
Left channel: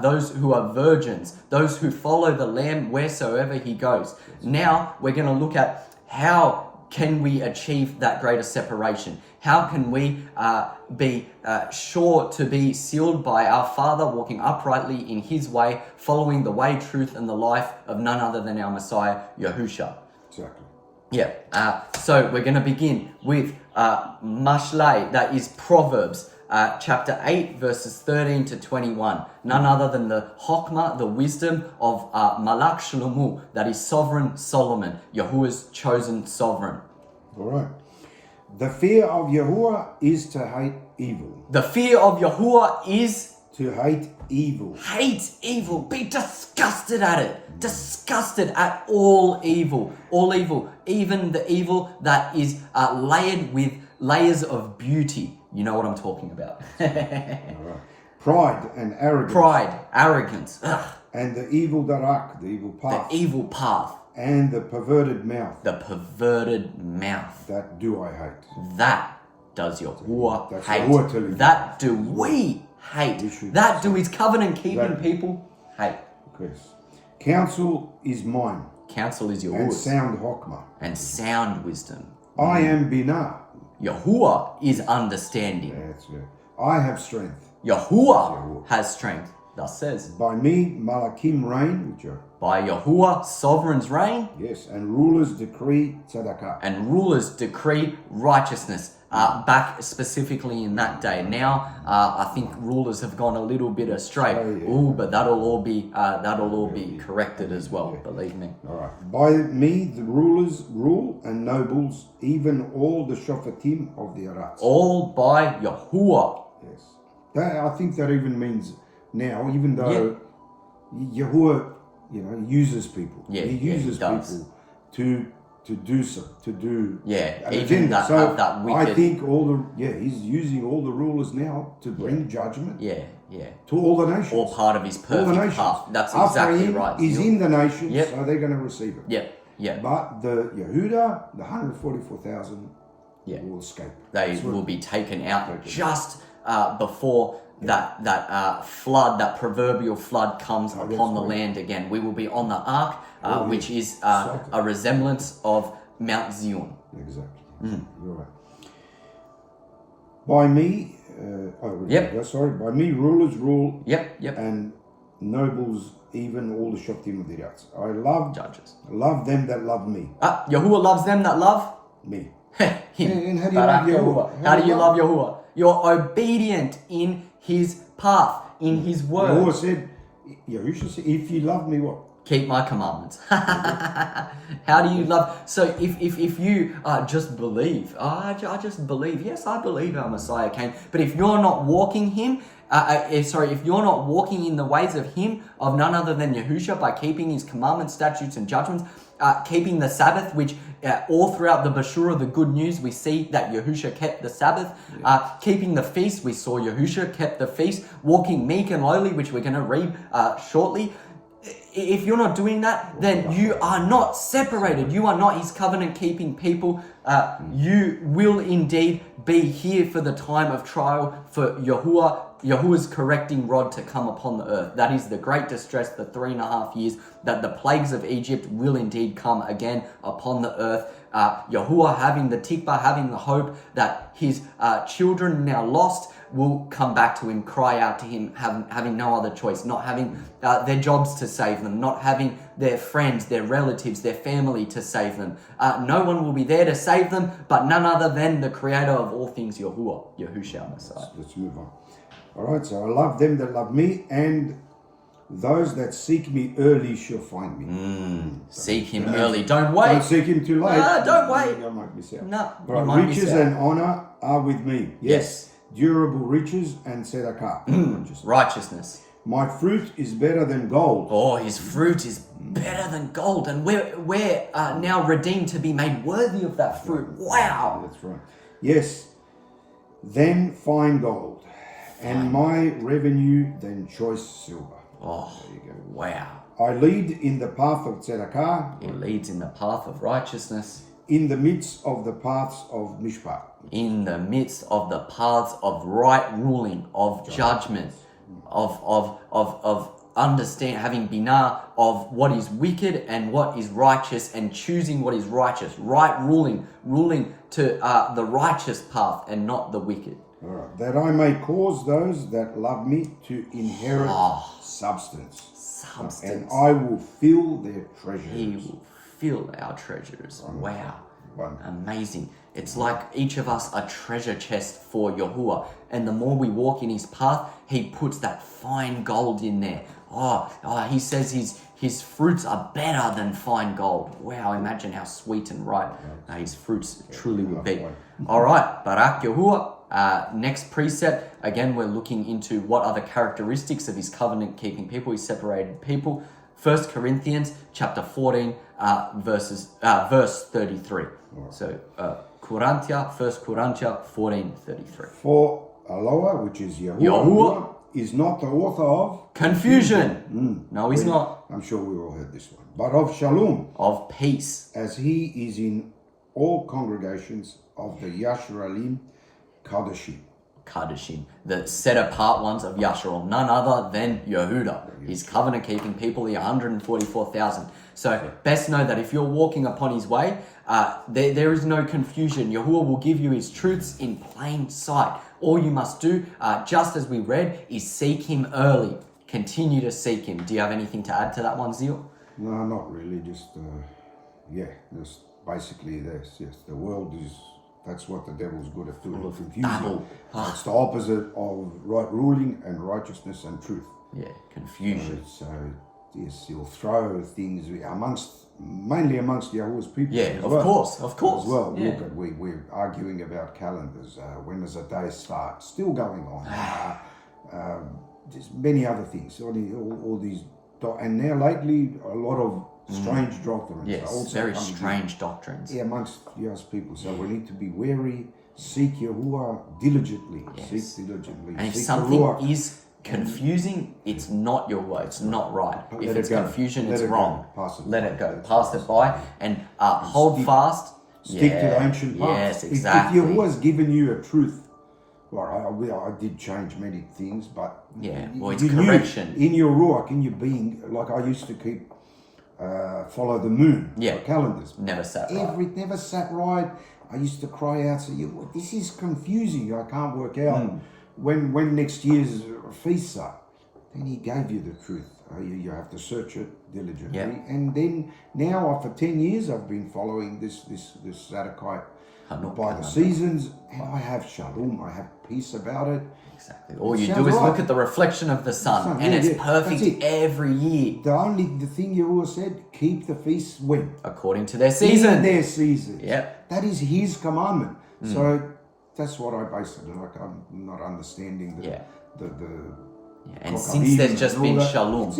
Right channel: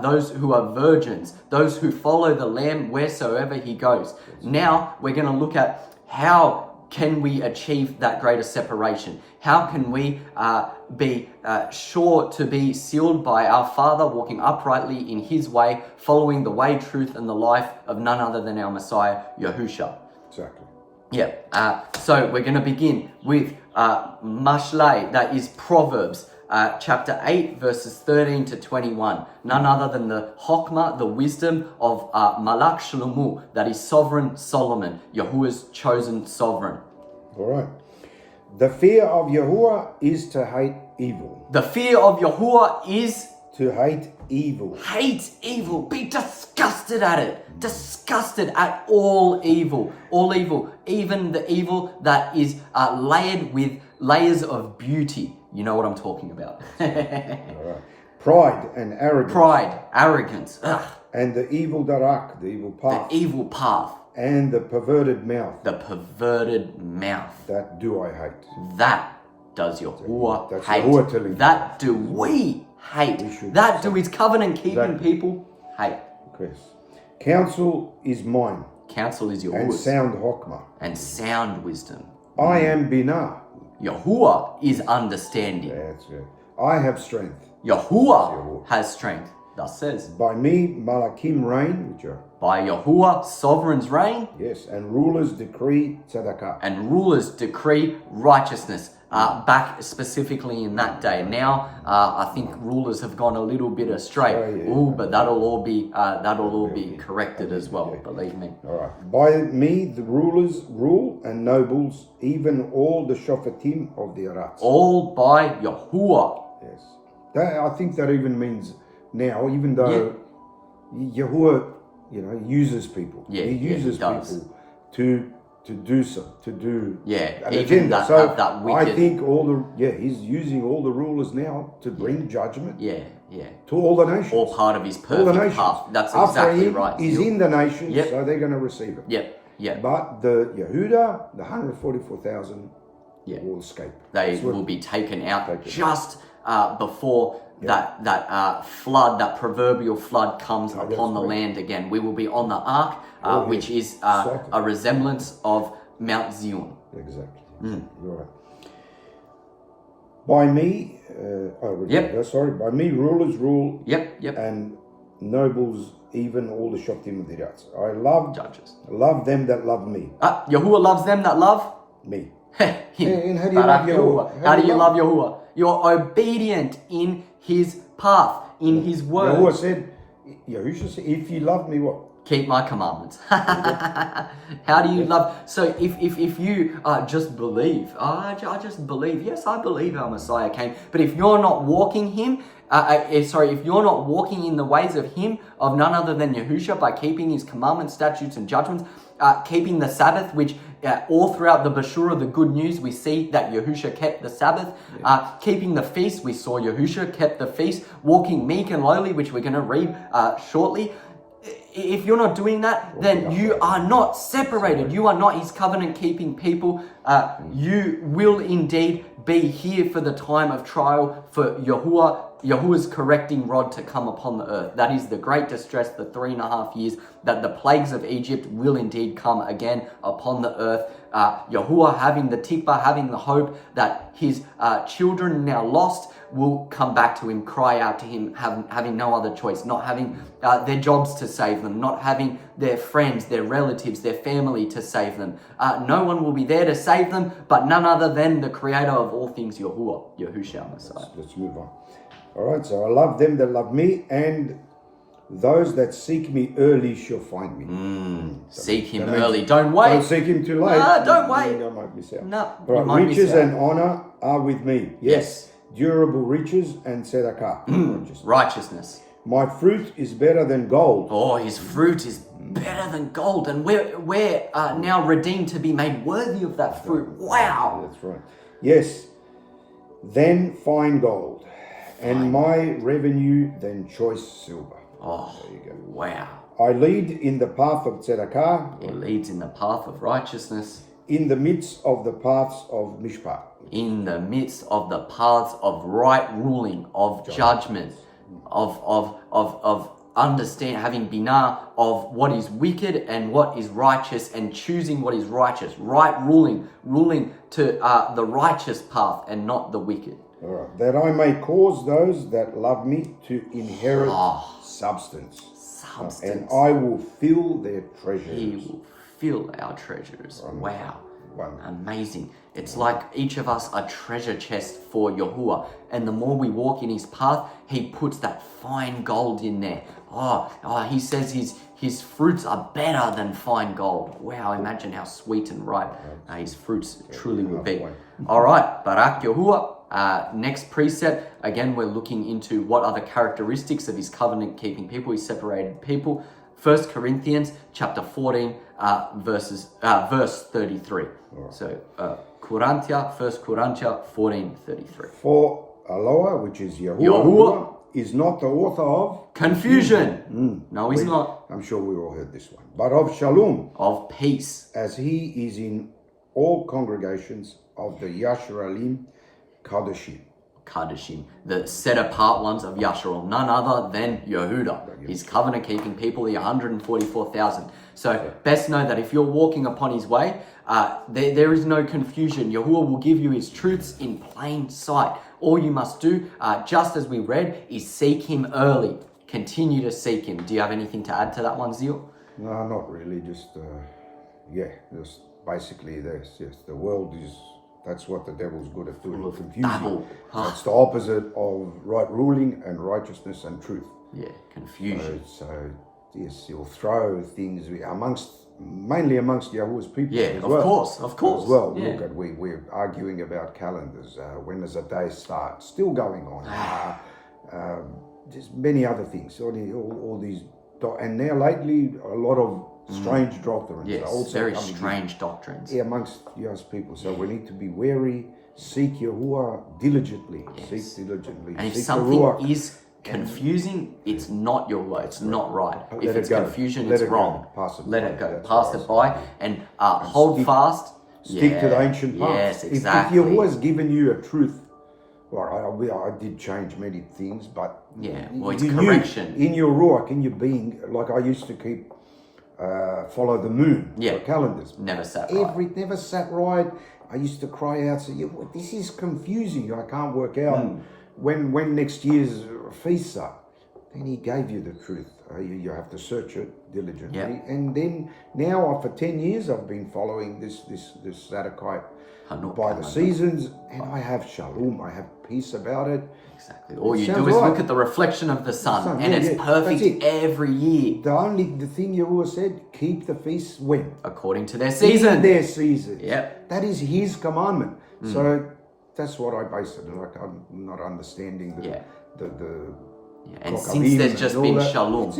those who are virgins, those who follow the Lamb wheresoever he goes. Now we're going to look at how can we achieve that greater separation? How can we be sure to be sealed by our Father, walking uprightly in his way, following the way, truth, and the life of none other than our Messiah, Yahusha? Exactly. Yeah. So we're going to begin with Mashlei, that is Proverbs. Chapter 8, verses 13 to 21. None other than the Chokmah, the wisdom of Malach Shlomo, that is sovereign Solomon, Yahuwah's chosen sovereign. All right. The fear of Yahuwah is to hate evil. The fear of Yahuwah is To hate evil. hate evil. Be disgusted at it. Disgusted at all evil. All evil. Even the evil that is layered with layers of beauty. You know what I'm talking about. All right. Pride and arrogance. Pride, arrogance. Ugh. And the evil darak, the evil path. The evil path. And the perverted mouth. The perverted mouth. That do I hate. That does Yahuwah That's hate. Yahuwah telling you. That do we hate. We should That do his covenant-keeping Exactly. people hate. Yes. Counsel is mine. Counsel is And Yahuwah's. sound hokmah. And sound wisdom. I am binah. Yahuwah is understanding. That's it. I have strength. Yahuwah has strength. Thus says. By me, malakim reign, which are, By Yahuwah, sovereigns reign, yes, and rulers decree tzedakah. and rulers decree righteousness. Back specifically in that day. Now, I think rulers have gone a little bit astray. Yeah. Ooh, but that'll all be corrected as well. Believe me. All right. By me, the rulers rule, and nobles, even all the shofetim of the Arats. All by Yahuwah. Yes. That, I think that even means now, even though Yahuwah, uses people. Yeah, he uses he does. people to do so, to do Yeah, an even agenda. that So have that wicked. I think he's using all the rulers now to bring judgment Yeah. to all the nations. All part of his all the perfect nations. path. That's exactly Ephraim right. is in the nations, Yep. so they're going to receive it. Yep. But the Yehuda, the 144,000, Yeah. will escape. They That's what- will be taken out Taken just before that flood, that proverbial flood comes upon the land again. We will be on the ark, which is a resemblance of Mount Tzyun. Exactly. Mm. You're right. By me, Yep. sorry, by me rulers rule, Yep. and nobles, even all the Shoftim Dirats. I love Judges. them that love me. Yahuwah loves them that love Me. him. And how do you Barak love Yahuwah? How do you love Yahuwah? You're obedient in his path, in his word. Yahuwah said, Yahushua said, if you love me, what? Keep my commandments. How do you love? So if you just believe, I just believe. Yes, I believe our Messiah came. But if you're not walking him, if you're not walking in the ways of him, of none other than Yahushua, by keeping his commandments, statutes, and judgments, keeping the Sabbath, which all throughout the Bashura, the good news, we see that Yahushua kept the Sabbath. Keeping the feast, we saw Yahushua kept the feast. Walking meek and lowly, which we're going to read shortly. If you're not doing that, then you are not separated. You are not his covenant-keeping people. You will indeed be here for the time of trial, for Yahuwah's correcting rod to come upon the earth. That is the great distress, the 3.5 years, that the plagues of Egypt will indeed come again upon the earth. Yahuwah having the tikvah, having the hope that his children now lost will come back to him, cry out to him, having no other choice, not having their jobs to save them, not having their friends, their relatives, their family to save them. No one will be there to save them, but none other than the creator of all things, Yahushua Messiah. Let's move on. All right, so I love them that love me, and those that seek me early shall find me. Seek him early. Don't wait. Don't seek him too late. Don't wait. I might miss out. No, Right, you might miss riches out. and honor are with me. Yes. Durable riches and tzedakah. Righteousness. My fruit is better than gold. Oh, his fruit is better than gold, and we're now redeemed to be made worthy of that fruit. Wow. That's right. Yes. Then fine gold, and my revenue than choice silver. Oh, There you go. wow. I lead in the path of tzedakah, He leads in the path of righteousness, in the midst of the paths of mishpat. in the midst of the paths of right ruling, of judgment, of understand, having binah of what is wicked and what is righteous, and choosing what is righteous, right ruling to the righteous path and not the wicked. All right. That I may cause those that love me to inherit substance. And I will fill their treasures. He will fill our treasures. Wow. Wonderful. Amazing. It's like each of us a treasure chest for Yahuwah. And the more we walk in his path, he puts that fine gold in there. He says his fruits are better than fine gold. Wow, imagine how sweet and ripe his fruits truly will be. All right, Barak Yahuwah. Next precept, again, we're looking into what are the characteristics of his covenant-keeping people, his separated people. 1 Corinthians chapter 14, verse 33. Right. So, 1 Corinthians 14:33. For Eloah, which is Yahuwah, is not the author of confusion. No, he's not. I'm sure we all heard this one. But of shalom, of peace, as he is in all congregations of the Yashralim Kadeshim, the set apart ones of Yasharel, none other than Yehuda, his covenant keeping people, the 144,000. So best know that if you're walking upon his way, there is no confusion. Yahuwah will give you his truths in plain sight. All you must do, just as we read, is seek him early. Continue to seek him. Do you have anything to add to that one, Zeal? No, not really. Just basically this. Yes, the world is. That's what the devil's good at doing. Confusion. It's the opposite of right ruling and righteousness and truth. Yeah, confusion. So yes, he'll throw things mainly amongst Yahuwah's people. Yeah, of course. As well, yeah. Look at we're arguing about calendars. When does a day start? Still going on. Just many other things. All these, and now lately a lot of strange doctrines. Yes, also very strange doctrines. Yeah, amongst Yah's people. So we need to be wary. Seek Yahuwah diligently. Yes. Seek diligently. And if seek something Yahuwah, is confusing, it's not your way. It's not right. If it's confusion, it's wrong. Let it go. Pass it by and hold fast. Stick to the ancient path. Yes, exactly. If Yahuwah's given you a truth, well, I did change many things, but it's correction. In your ruach, in your being, like I used to keep, follow the moon. Yeah. Calendars. Never sat right. Never sat right. I used to cry out, this is confusing. I can't work out when next year's feasts are. and He gave you the truth. You have to search it diligently. Yep. And then now, for 10 years, I've been following this Sadducite by the seasons, and I have shalom. I have peace about it. Exactly. All you do is look at the reflection of the sun, and it's perfect every year. The thing Yahuwah said, keep the feasts when? According to their season. In their seasons. Yep. That is His commandment. So that's what I base it on. Like, I'm not understanding the and since there's just been shalom,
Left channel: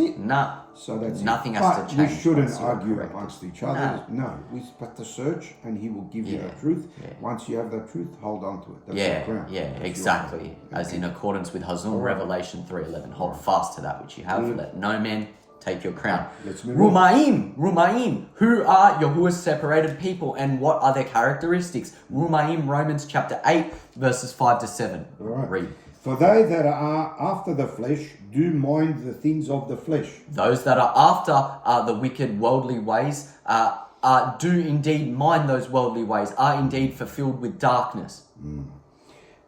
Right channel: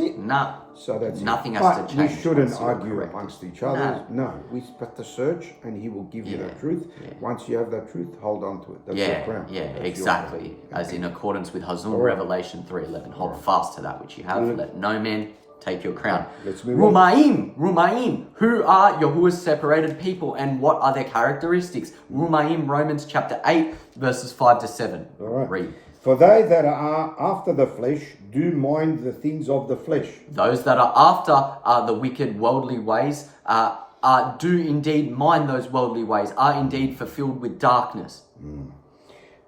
so that's nothing has to change. We shouldn't argue amongst each other. No, we have to search, and He will give you the truth. Once you have that truth, hold on to it. That's your crown. That's exactly. As in accordance with Hazun, Revelation 3:11. Hold fast to that which you have. Let no man take your crown. Let's move on. Rumaim. Who are Yahuwah's separated people, and what are their characteristics? Rumaim, Romans chapter 8, verses 5 to 7. All right. Read. For they that are after the flesh do mind the things of the flesh. Those that are after the wicked worldly ways do indeed mind those worldly ways, are indeed fulfilled with darkness.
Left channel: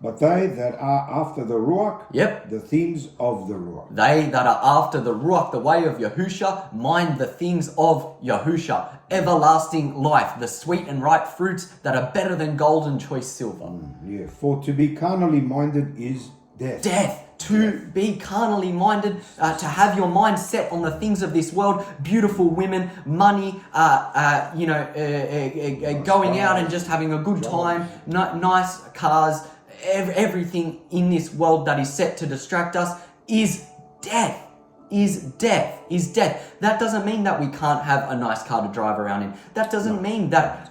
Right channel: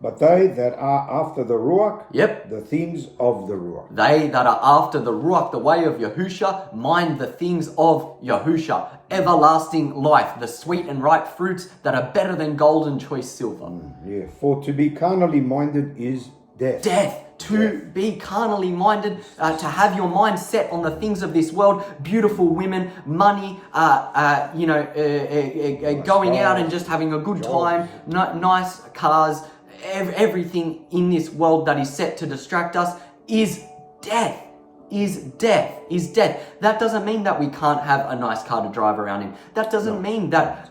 But they that are after the Ruach, the things of the Ruach. They that are after the Ruach, the way of Yahusha, mind the things of Yahusha, everlasting life, the sweet and ripe fruits that are better than gold and choice silver. For to be carnally minded is death. To be carnally minded, to have your mind set on the things of this world, beautiful women, money, going out and just having a good time, nice cars, everything in this world that is set to distract us is death. That doesn't mean that we can't have a nice car to drive around in. That doesn't mean that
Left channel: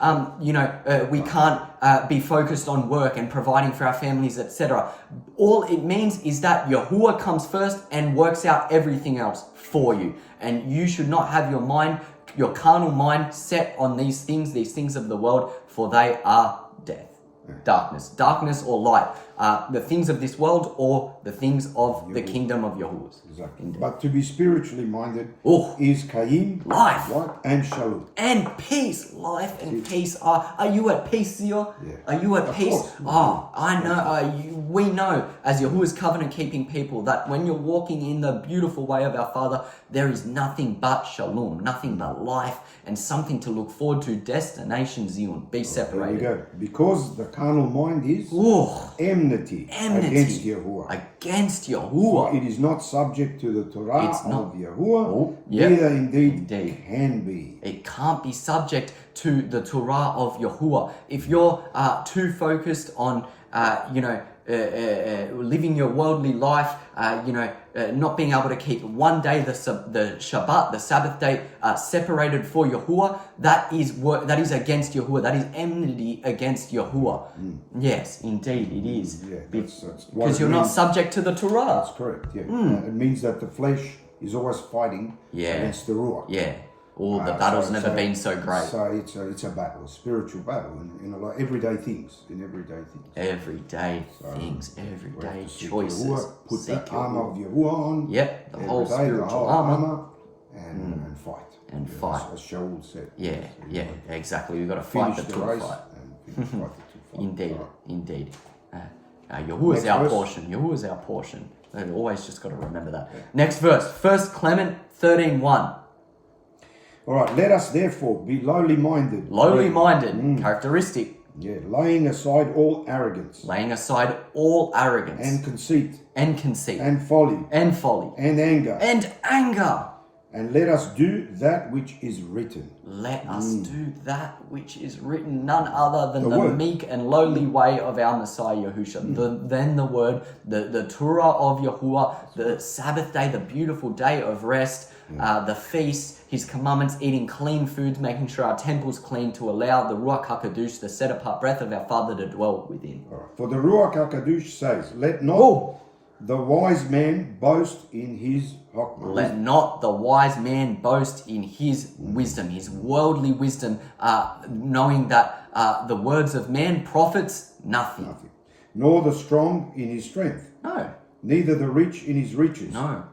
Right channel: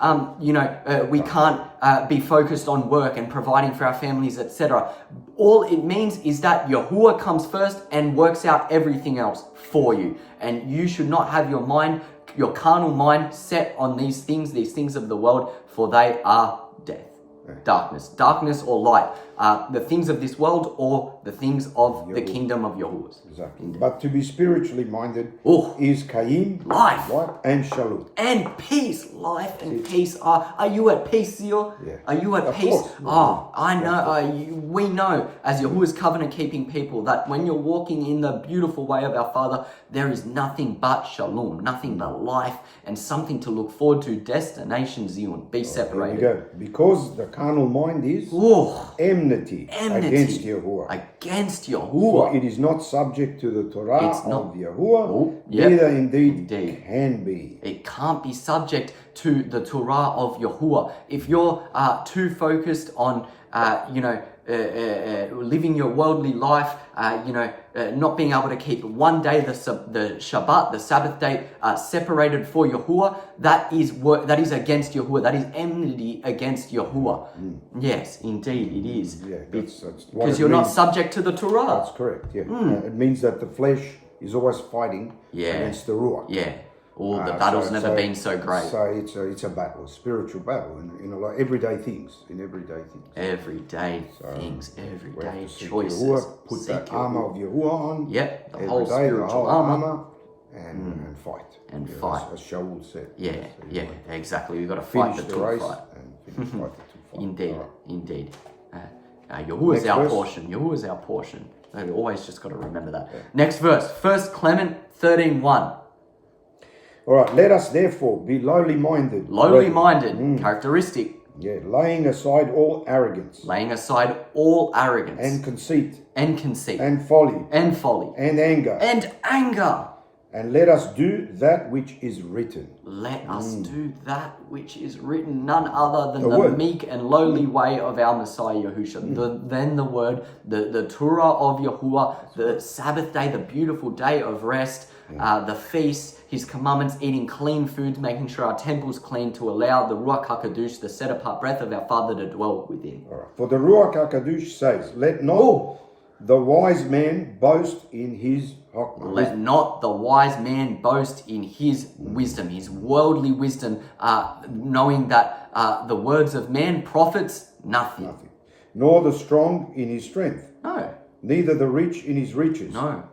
we can't be focused on work and providing for our families, etc. All it means is that Yahuwah comes first and works out everything else for you. And you should not have your carnal mind set on these things of the world, for they are death. Darkness or light, the things of this world or the things of the kingdom of Yahuwah. Exactly. But to be spiritually minded is Kaim, life, and Shalom. And peace, life and peace. Are you at peace, Zio? Are you at peace? I know. We know as Yahuwah's covenant keeping people that when you're walking in the beautiful way of our Father, there is nothing but Shalom, nothing but life and something to look forward to. Destination Tzyun. Be separated. There you go. Because the carnal mind is enmity against Yahuwah. For it is not subject to the Torah of Yahuwah, neither indeed can be. It can't be subject to the Torah of Yahuwah. If you're too focused on, living your worldly life, not being able to keep one day the Shabbat, the Sabbath day, separated for Yahuwah, that is against Yahuwah. That is enmity against Yahuwah. Yes, indeed, it is. Because you're not subject to the Torah. That's correct. It means that the flesh is always fighting against the Ruach. The battle's never been so great. So it's a battle, a spiritual battle, like everyday things. Everyday choices. Put that armor of Yahuwah on. The whole spiritual armor. And fight. And fight. As Shaul said. Exactly. We've got to fight the true fight. Indeed. Yahuwah is our portion. Yahuwah is our portion. We've always just got to remember that. Next verse, 1 Clement 13:1. All right, let us therefore be lowly minded. Characteristic. Laying aside all arrogance. And conceit. And folly. And anger. And let us do that which is written. None other than the meek and lowly way of our Messiah Yahushua. Then the word, the Torah of Yahuwah, the Sabbath day, the beautiful day of rest, the feast, His commandments, eating clean foods, making sure our temple's clean to allow the Ruach HaKadosh, the set-apart breath of our Father, to dwell within. All right. For the Ruach HaKadosh says, let not the wise man boast in his wisdom. Let not the wise man boast in his wisdom, his worldly wisdom, knowing that the words of man profits nothing. Nor the strong in his strength. No. Neither the rich in his riches. No.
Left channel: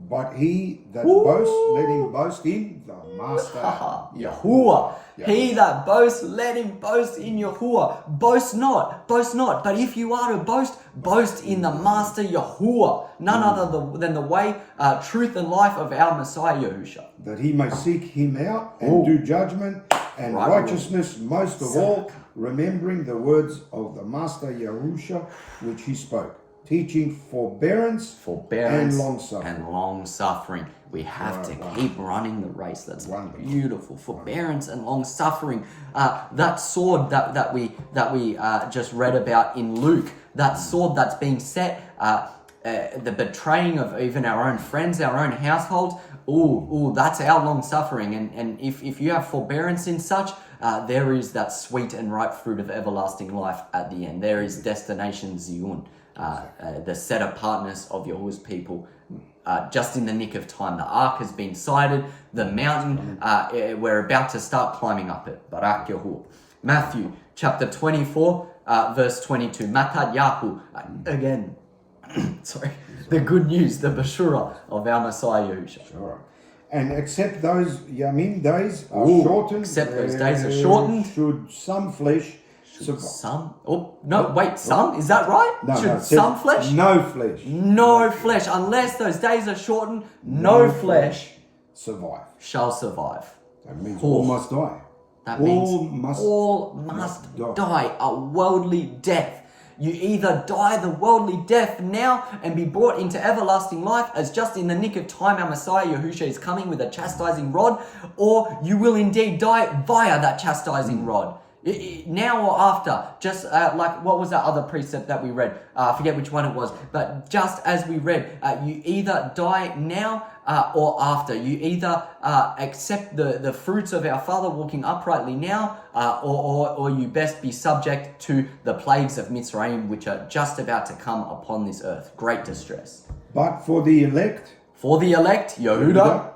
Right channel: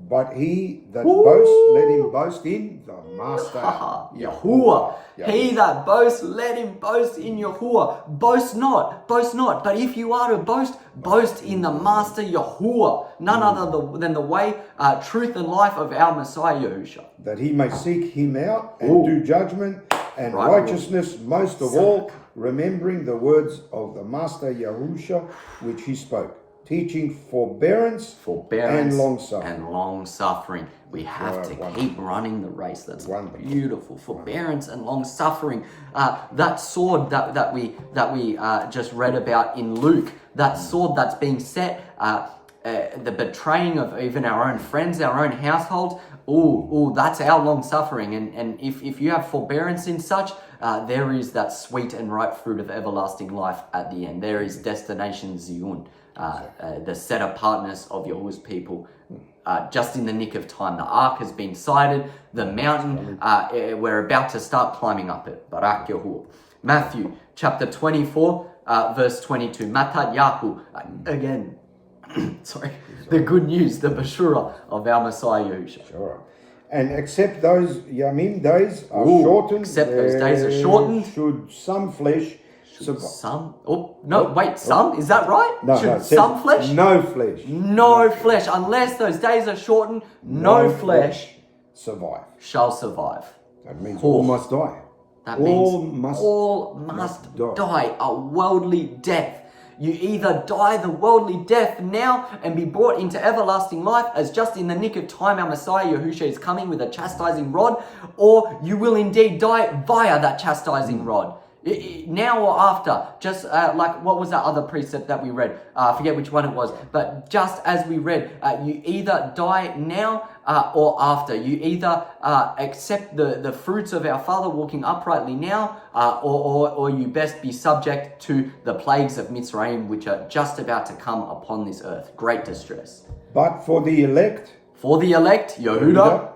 But he that boasts, let him boast in the Master. Yahuwah. He that boasts, let him boast in Yahuwah. Boast not. But if you are to boast, boast in the Master Yahuwah. None other than the way, truth, and life of our Messiah Yahusha. That he may seek him out and do judgment and righteousness, most of all, remembering the words of the Master Yahusha, which he spoke, teaching forbearance and long suffering. We have to keep running the race. That's beautiful. Forbearance and long suffering. That sword that we just read about in Luke. That sword that's being set. The betraying of even our own friends, our own household. That's our long suffering. And if you have forbearance in such, there is that sweet and ripe fruit of everlasting life at the end. There is destination Tzyun. The set apartness of Yahuwah's people, just in the nick of time. The ark has been sighted, the mountain, we're about to start climbing up it. Barak Yahuwah. Matthew chapter 24, verse 22. Matat Yahu, again, sorry, the good news, the Bashura of our Messiah Yahushua. Sure. And except those Yamin days are shortened, should some flesh some? Some? Is that right? Should some flesh? No flesh. No flesh. Unless those days are shortened, no flesh shall survive. That means all must die. That means all must die. A worldly death. You either die the worldly death now and be brought into everlasting life, as just in the nick of time our Messiah Yahushua is coming with a chastising rod, or you will indeed die via that chastising rod. Now or after, just like what was that other precept that we read? I forget which one it was, but just as we read, you either die now or after. You either accept the fruits of our Father walking uprightly now, or you best be subject to the plagues of Mitzrayim, which are just about to come upon this earth. Great distress. But for the elect, Yehuda,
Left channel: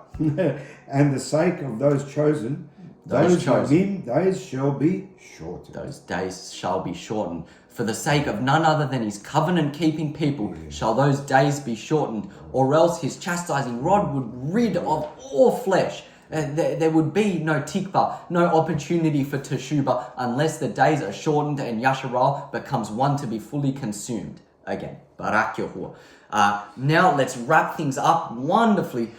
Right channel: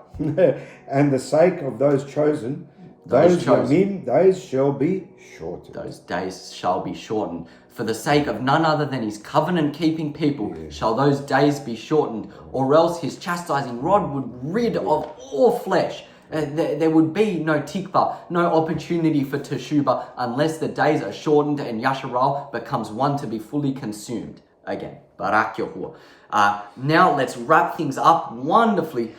and the sake of those chosen, those days shall be shortened. Those days shall be shortened. For the sake of none other than his covenant-keeping people shall those days be shortened, or else his chastising rod would rid of all flesh. There would be no tikva, no opportunity for teshubah, unless the days are shortened and Yasharal becomes one to be fully consumed. Again, Barak Yahuwah. Now let's wrap things up wonderfully.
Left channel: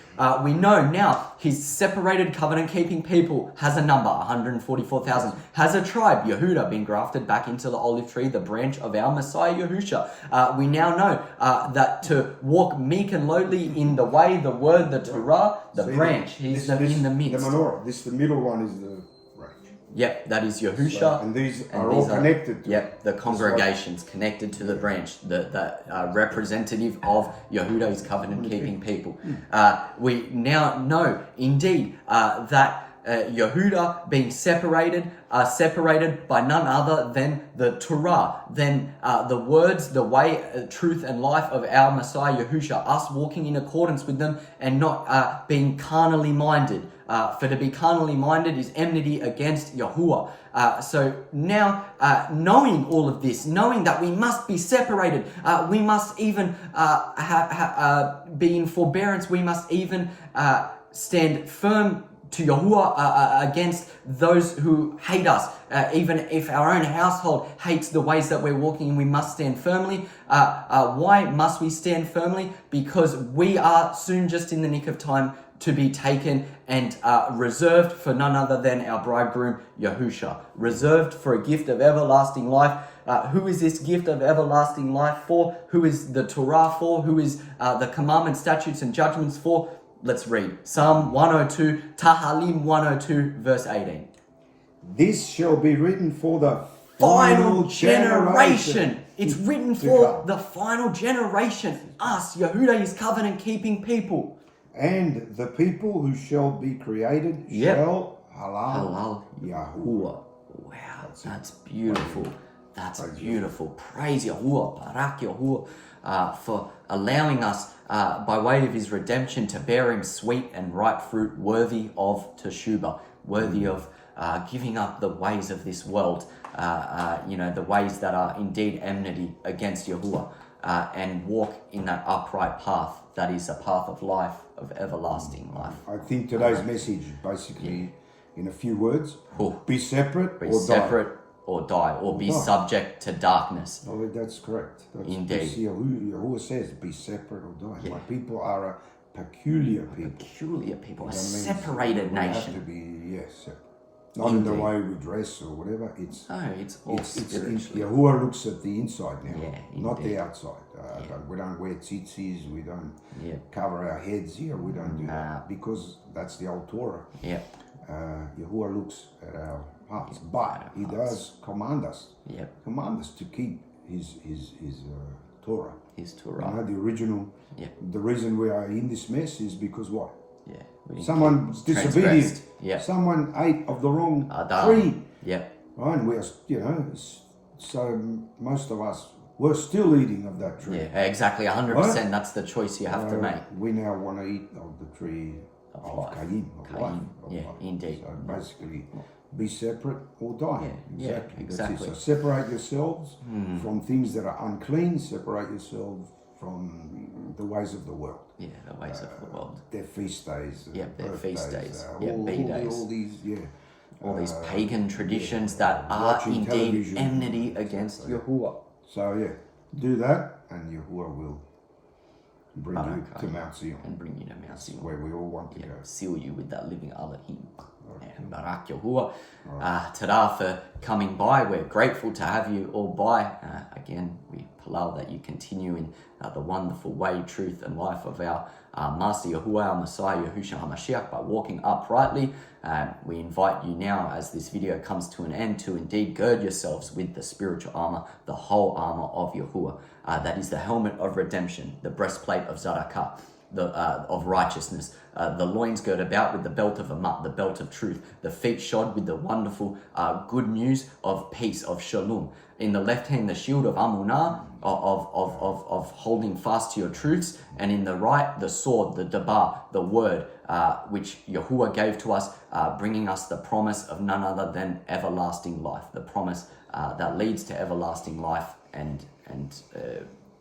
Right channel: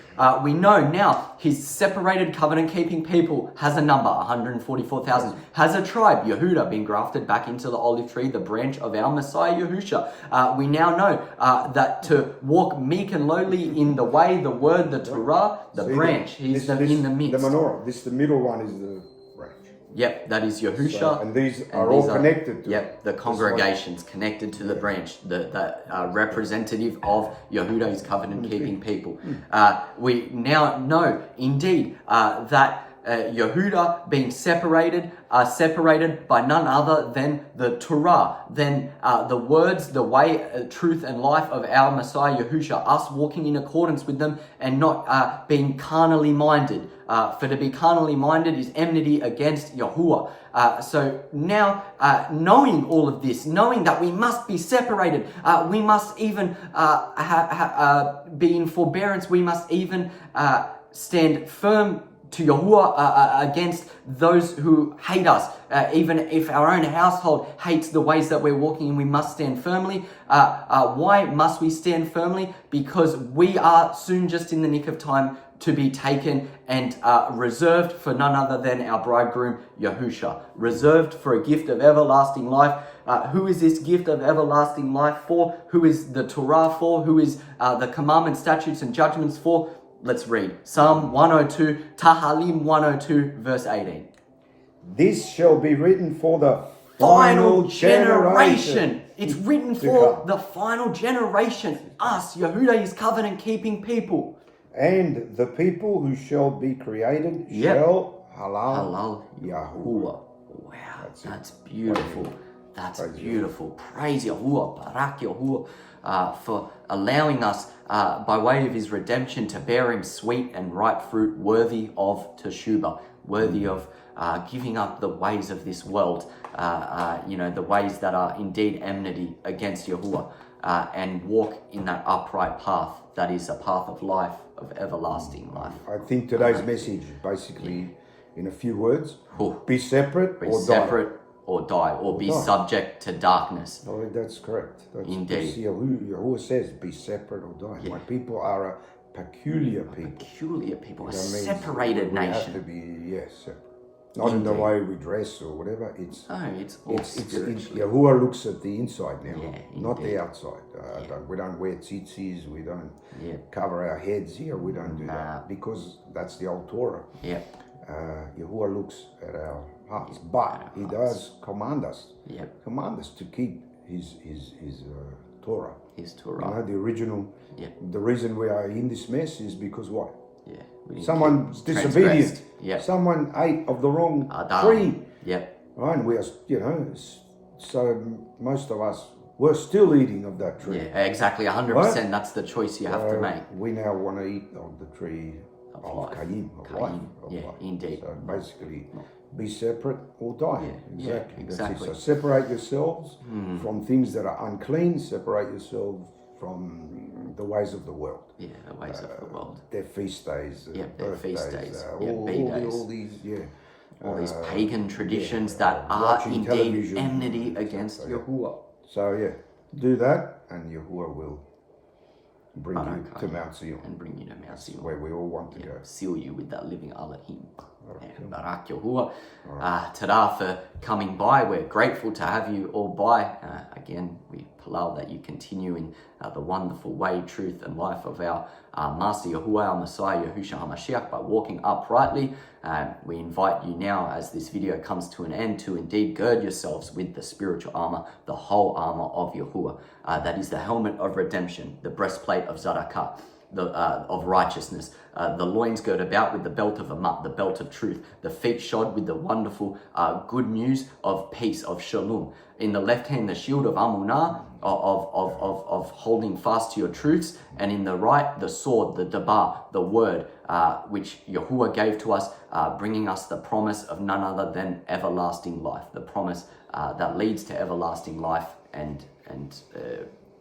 We know now his separated covenant-keeping people has a number, 144,000. Has a tribe, Yehuda, been grafted back into the olive tree, the branch of our Messiah Yahusha. We now know that to walk meek and lowly in the way, the word, the Torah, the branch, he's in the midst. The menorah, the middle one is the branch. Yep, that is Yahusha. So, and these are all connected. Yep, the congregations connected to the branch, the representative of Yehuda's covenant-keeping people. We now know, indeed, that Yehuda being separated by none other than the Torah, then the words, the way, truth, and life of our Messiah Yahusha, us walking in accordance with them and not being carnally minded. For to be carnally minded is enmity against Yahuwah. So now, knowing all of this, knowing that we must be separated, we must even be in forbearance, we must even stand firm to Yahuwah against those who hate us. Even if our own household hates the ways that we're walking in, we must stand firmly. Why must we stand firmly? Because we are soon just in the nick of time to be taken and reserved for none other than our bridegroom, Yahusha. Reserved for a gift of everlasting life. Who is this gift of everlasting life for? Who is the Torah for? Who is the commandments, statutes, and judgments for? Let's read. Psalm 102, Tahalim 102, verse 18. This shall be written for the final generation. It's written for the final generation. Us, Yehuda's covenant-keeping people. And the people who shall be created shall halal Yahuwah. Wow, that's beautiful. That's beautiful. Praise Yahuwah, Barak Yahuwah, for allowing us, by way of his redemption, to bear him sweet and ripe fruit, worthy of teshubah, worthy of giving up the ways of this world, the ways that are indeed enmity against Yahuwah, and walk in that upright path that is a path of life, of everlasting life. I think today's message is basically, in a few words, Oh. be separate Be or separate or die, or be die. subject to darkness. die. Oh, that's correct. That's Indeed. Yahuwah says, be separate or die. My people are a peculiar people. Peculiar people, a That means separated we have nation. to be, yes, separate. Not in the way we dress or whatever. It's No, it's all spiritually. Yahuwah looks at the inside now, Yeah, not indeed. the outside. We don't wear tzitzis, we don't Yeah. cover our heads here, we don't do Nah. that because that's the old Torah. Yeah, Yahuwah looks at our hearts, but He does command us yeah, to keep His Torah. his You know, Torah. the original. Yeah. The reason we are in this mess is because what? Yeah, we didn't Someone's transgressed. disobedient. Yeah. Someone ate of the wrong Adam. tree. Yeah, Right, and we are, so most of us were still eating of that tree. yeah, exactly, 100%. That's the choice you have to make. We now want to eat of the tree of life. Cain, of life. Cain, Of yeah, life. indeed. So basically, be separate or die. Yeah, Exactly. That's exactly. it. So separate yourselves from things that are unclean. Separate yourselves from the ways of the world. Yeah, the ways of the world. Their feast days. Yeah, their feast birthdays, days. all B-days. All these, All these pagan traditions that are watching indeed television. enmity against So, yeah. Yahuwah. So yeah, do that, and Yahuwah will bring you Barak to Mount Zion, And bring you to Mount Zion. where we all want to Yeah, go. seal you with that living Elohim. Yeah, Barak Yahuwah. Tada for coming by. We're grateful to have you all by. Again, we palau that you continue in the wonderful way, truth, and life of our Master Yahuwah, our Messiah, Yahushua HaMashiach, by walking uprightly. We invite you now, as this video comes to an end, to indeed gird yourselves with the spiritual armor, the whole armor of Yahuwah. That is the helmet of redemption, the breastplate of Zadakah, of righteousness, the loins girt about with the belt of Amat, the belt of truth, the feet shod with the wonderful good news of peace, of shalom. In the left hand, the shield of Amunah, of holding fast to your truths, and in the right, the sword, the dabar, the word, which Yahuwah gave to us, bringing us the promise of none other than everlasting life, the promise that leads to everlasting life and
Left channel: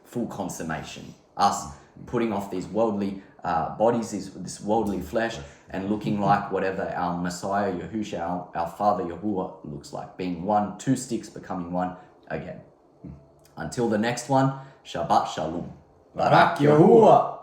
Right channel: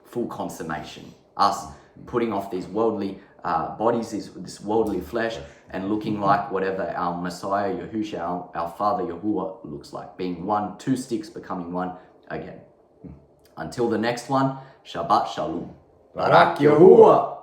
full consummation. Us putting off these worldly bodies, this worldly flesh, and looking like whatever our Messiah, Yahushua, our Father Yahuwah looks like, being one, two sticks becoming one again. Until the next one, Shabbat Shalom. Barak Yahuwah.